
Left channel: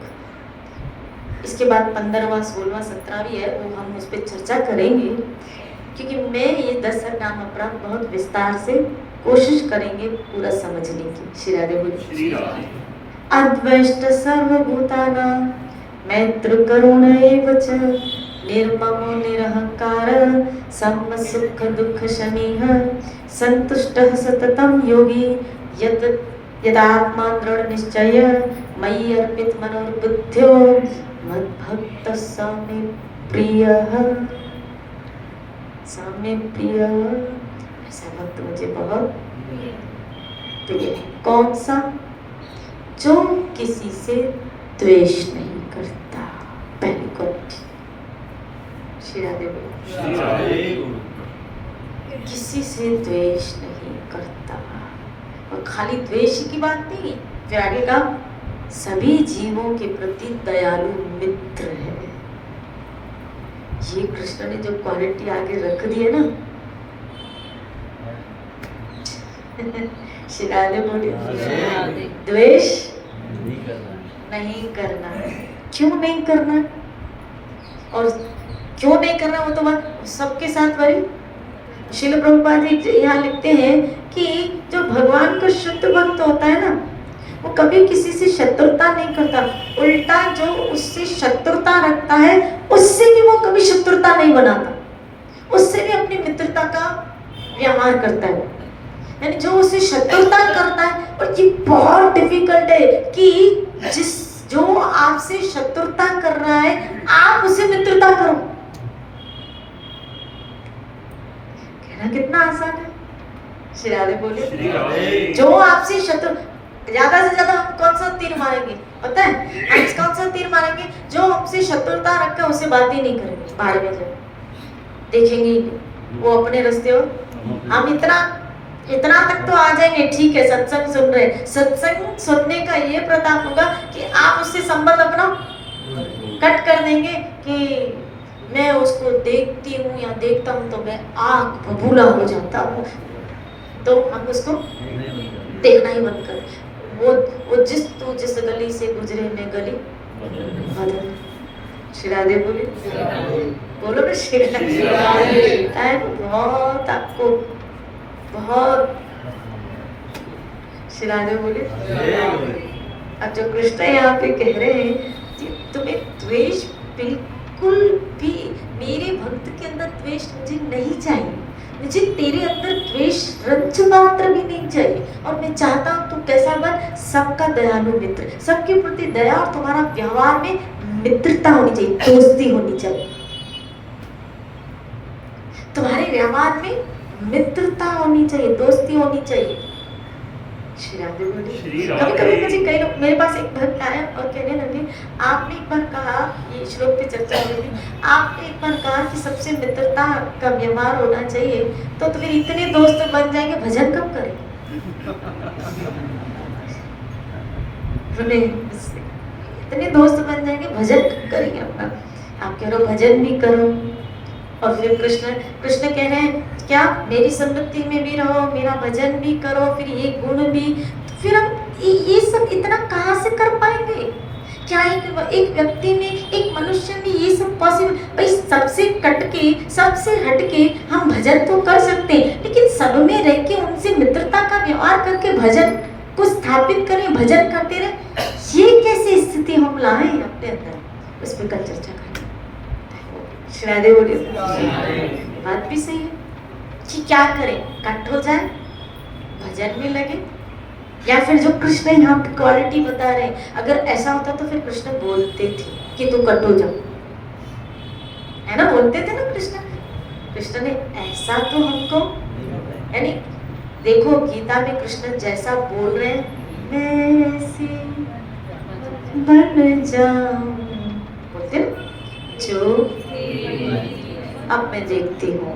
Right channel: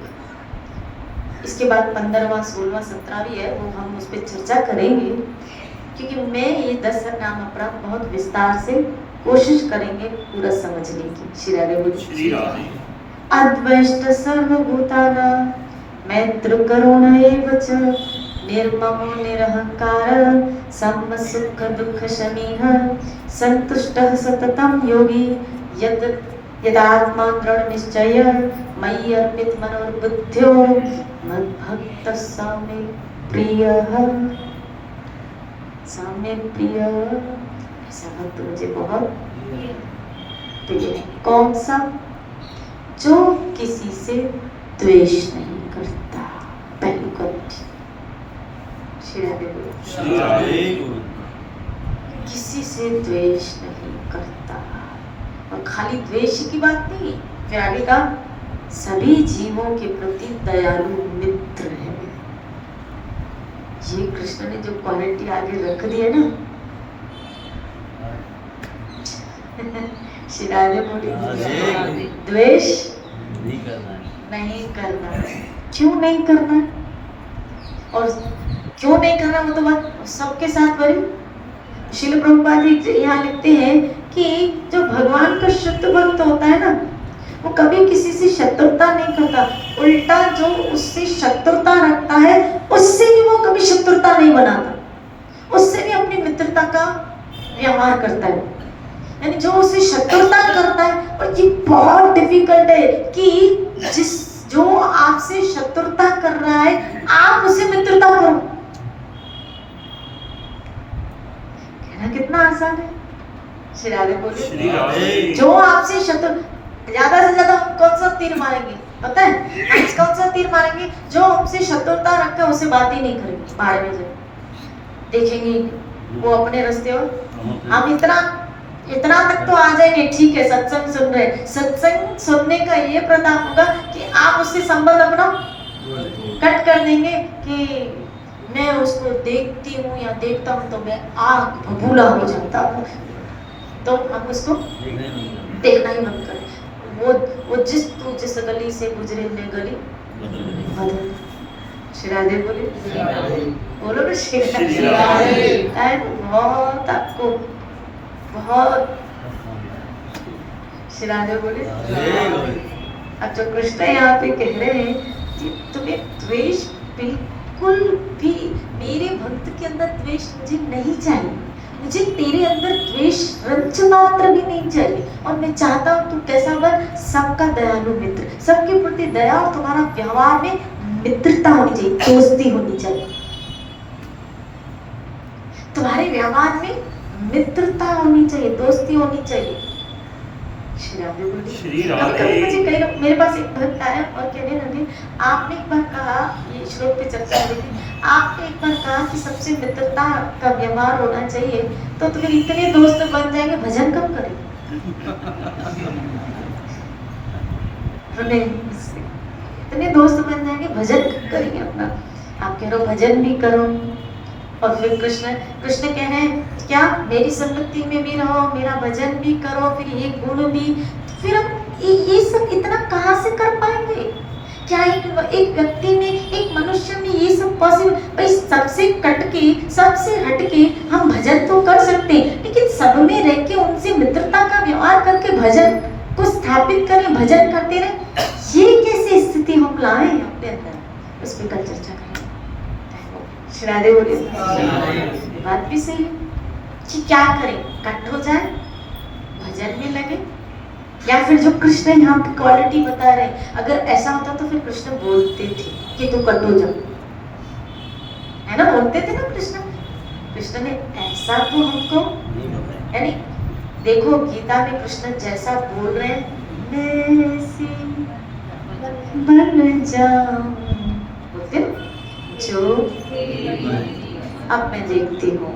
इसके बाद 15वां 16वां 17वां भी है, वो हम उस पर चर्चा करेंगे, क्योंकि मैं ये 10 नाम अपराध बहुत विस्तार से कोशिश करेंगे पूरा समझने की। श्री राधे बोलिए। अद्वैष्ट सर्वभूतानां मैत्र करुण एव च निर्ममो निरहंकार सम सुख दुख शमीः संतुष्टः सततं योगी यदात्मा दृढ़ निश्चय मयि अर्पित मनोर्बुद्ध्यो मद्भक्तः स मे प्रियः, स मे प्रियः, ऐसा भक्त मुझे बहुत प्रिय है। कौन सा? जो किसी से द्वेष नहीं करता। पहली क्वालिटी। श्री राधे। किसी से द्वेष नहीं करता, और खाली द्वेष की बात नहीं, फिर आगे का सभी जीवों के प्रति दयालु मित्र है। ये कृष्ण ने जो क्वालिटी आगे रख दी है ना, श्री राधे बोली, द्वेष नहीं करना। क्यों नहीं करना, और क्यों नहीं करना वो तो बात सबके साथ बड़ी। श्रील प्रभुपाद जी यहाँ लिखते हैं कि जो भगवान का शुद्ध भक्त होता है ना, वो कभी किसी से शत्रुता नहीं करता, उल्टा जो उससे शत्रुता रखता है उससे भी वो कभी शत्रुता नहीं बनाता, उससे भी अपनी मित्रता का व्यवहार करता है। यानी जो उससे शत्रुता करता है, और ये बहुत डिफिकल्ट है कि जो आपसे शत्रुता कर रहा है आप उसे मित्रता करो। कहना कितना आसान है। शिराले बोले जो आपसे शत्रु, ज्यादा से ज्यादा हम कौन सा तीर मारेंगे पता है? हम कौन सा तीर मारेंगे? जो हमसे शत्रुता रखते हैं उससे बात ही नहीं करेंगे, बाहर में जब देखेंगे वो अपने रास्ते हो। हम इतना तक तो आ जाएंगे, ठीक है सत्संग सुन रहे, सत्संग सुनने का ये प्रताप होगा कि आप उससे संबंध अपना कट कर देंगे कि मैं उसको देखती हूँ या देखता हूँ तो मैं आग बबूला हो जाता हूँ, तो हम उसको देखना ही बंद करें। वो जिस गली से गुजरे मैं गली बदल। शिरादे बोले बोलो ना शिरादे। बहुत आपको बहुत शिरादे बोले। अब जो कृष्ण यहाँ पे कह रहे हैं तुम्हें द्वेष बिल्कुल भी, मेरे भक्त के अंदर द्वेष मुझे नहीं चाहिए, मुझे तेरे अंदर द्वेष रंच मात्र भी नहीं चाहिए, और मैं चाहता हूँ तू कैसा बन, सबका दयालु मित्र, सबके प्रति दया, और तुम्हारा व्यवहार में मित्रता होनी चाहिए, दोस्ती होनी चाहिए, तुम्हारे व्यवहार में मित्रता होनी चाहिए, दोस्ती होनी चाहिए। कभी मुझे कई लोग, मेरे पास एक भक्त आया और कहने लगे आपने एक बार कहा, ये श्लोक पे चर्चा हुई थी, आपने एक बार कहा कि सबसे मित्रता का व्यवहार होना चाहिए, तो फिर इतने दोस्त बन जाएंगे भजन कब करें? इतने दोस्त बन जाएंगे भजन कब करेंगे अपना? आप कह रहे हो भजन भी करो, और फिर कृष्ण कह रहे हैं क्या मेरी संगति में भी रहो, मेरा भजन भी करो, फिर ये गुण भी, तो फिर हम ये सब इतना कहाँ से कर पाएंगे? क्या एक व्यक्ति में, एक मनुष्य में ये सब पॉसिबल? भाई सबसे कटके, सबसे हटके हम भजन तो कर सकते हैं, लेकिन सब में रह के उनसे मित्रता का व्यवहार करके भजन को स्थापित करें, भजन करते रहे, ये कैसे स्थिति हम लाए अपने अंदर? उस पर कल चर्चा करें। श्रादे बोले बात भी सही है कि क्या करें, कट हो जाए, भजन में लगे, या फिर जो कृष्ण यहाँ पे क्वालिटी बता रहे, अगर ऐसा होता तो फिर कृष्ण बोलते थे कि तू कट हो जाओ, है ना, बोलते थे ना कृष्ण ने ऐसा तो हमको, यानी देखो गीता में कृष्ण जैसा बोल रहे हैं, वैसे बन जाऊं, बोलते जो अब मैं देखती हूँ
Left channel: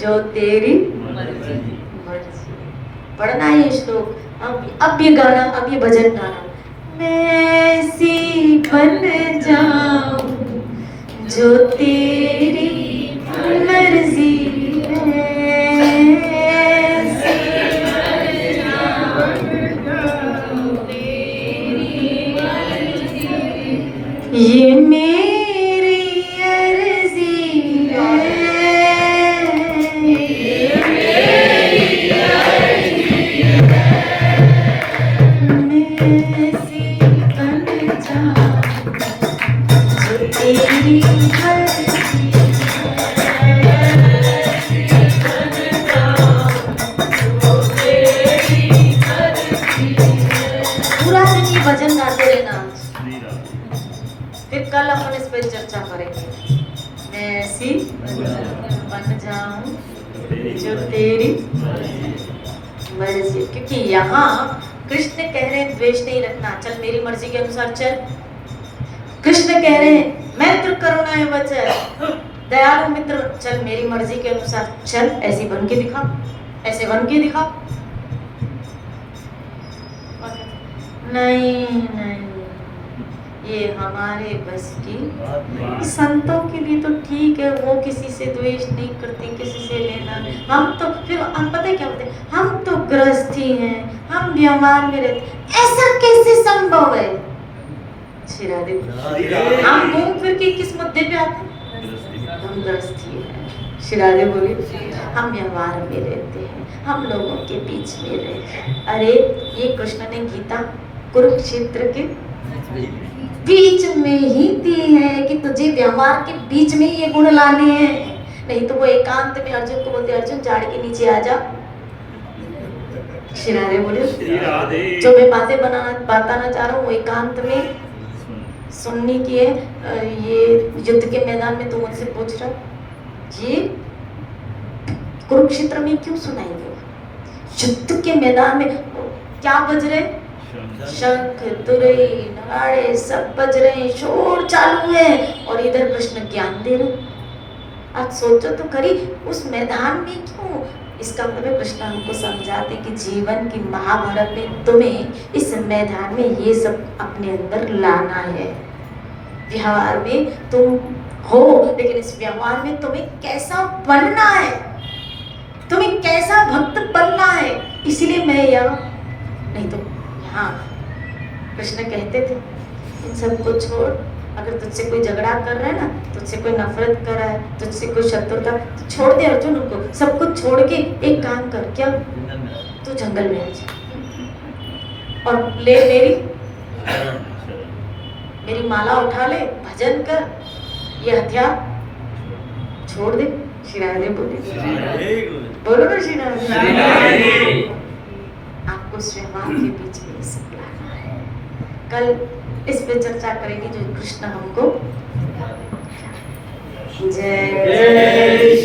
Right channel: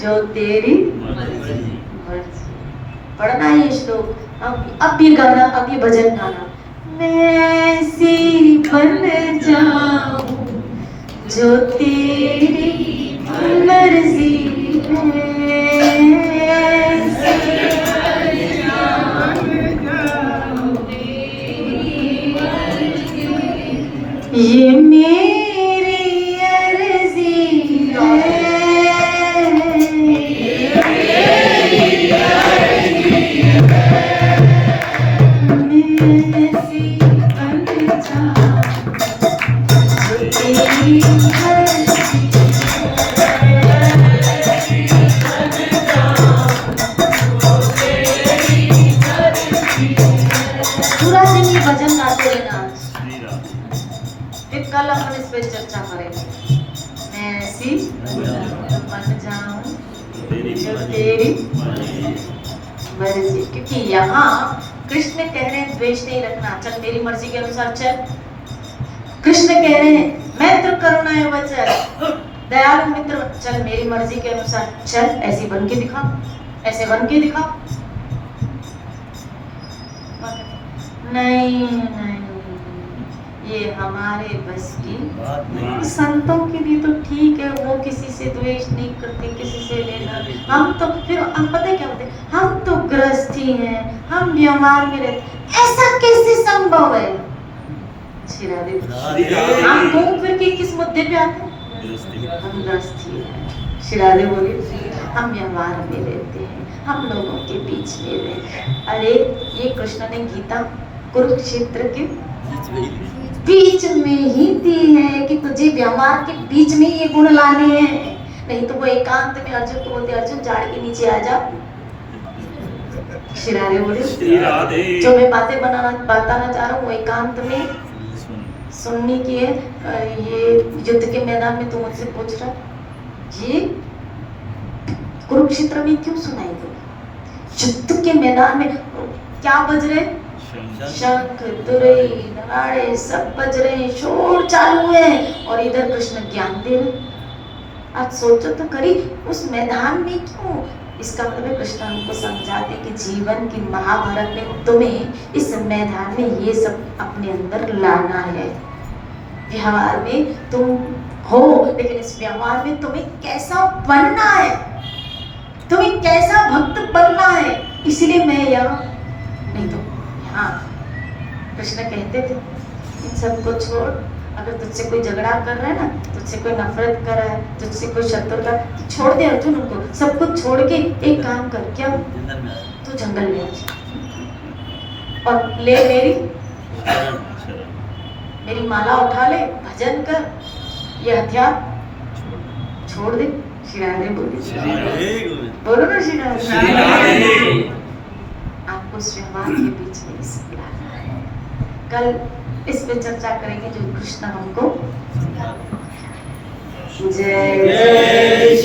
जो तेरी मर्जी। पढ़ना ये श्लोक, अब ये गाना, अब ये भजन गाना, वैसी बन जाऊं जो तेरी मर्जी ये मेरी अर्जी है, पूरा दिन ये भजन गाते रहना, फिर कल अपन इस पे चर्चा करेंगे। मैं ऐसी बन जाऊं जो तेरी मर्जी, क्योंकि यहाँ कृष्ण कह रहे हैं द्वेष नहीं रखना, चल मेरी मर्जी के अनुसार चल। कृष्ण कह रहे हैं मैत्र करुणा है वचन, दयालु मित्र, चल मेरी मर्जी के अनुसार चल, ऐसी बन के दिखा, ऐसे बन के दिखा। नहीं नहीं, ये हमारे बस की, संतों के लिए तो ठीक है, वो किसी से द्वेष नहीं करते, किसी से लेना, हम तो फिर हम पता है क्या बोलते, हम तो गृहस्थी हैं, हम व्यवहार में रहते, ऐसा कैसे संभव है? हम घूम फिर के किस मुद्दे पे आते हैं? हम गृहस्थी है। शिरादे बोले हम व्यवहार में रहते हैं, हम लोगों के बीच में रहे। अरे ये कृष्ण ने गीता कुरुक्षेत्र के बीच में ही दी है कि तुझे व्यवहार के बीच में ये गुण लाने हैं। नहीं तो वो एकांत में अर्जुन को बोलते, अर्जुन झाड़ के नीचे आ जा। श्री राधे बोले, जो मैं बातें बताना चाह रहा हूँ वो एकांत में सुनने की है। ये युद्ध के मैदान में तू मुझसे पूछ रहा, ये कुरुक्षेत्र में क्यों सुनाई दे? युद्ध के मैदान में क्या बज रहे? शंख तुरई नगाड़े सब बज रहे हैं, शोर चालू है और इधर कृष्ण ज्ञान दे रहे। आज सोचो तो करी, उस मैदान में क्यों? इसका मतलब कृष्ण हमको समझाते कि जीवन की महाभारत में तुम्हें इस मैदान में ये सब अपने अंदर लाना है। व्यवहार में तुम हो, लेकिन इस व्यवहार में तुम्हें कैसा बनना है, तुम्हें कैसा भक्त बनना है। इसीलिए मैं यह नहीं तो हाँ, कृष्ण कहते थे इन सबको छोड़, अगर तुझसे कोई झगड़ा कर रहा है ना, तुझसे कोई नफरत कर रहा है, तुझसे कोई शत्रुता, तो छोड़ दे अर्जुन उनको, सब कुछ छोड़ के एक काम कर, क्या तू जंगल में आ और ले मेरी माला उठा ले, भजन कर, ये हथियार छोड़ दे। श्री राधे बोलो ना श्री राधे। आपको स्वयं के बीच में लाना है। कल इस पे चर्चा करेंगे जो कृष्ण हमको। जय जय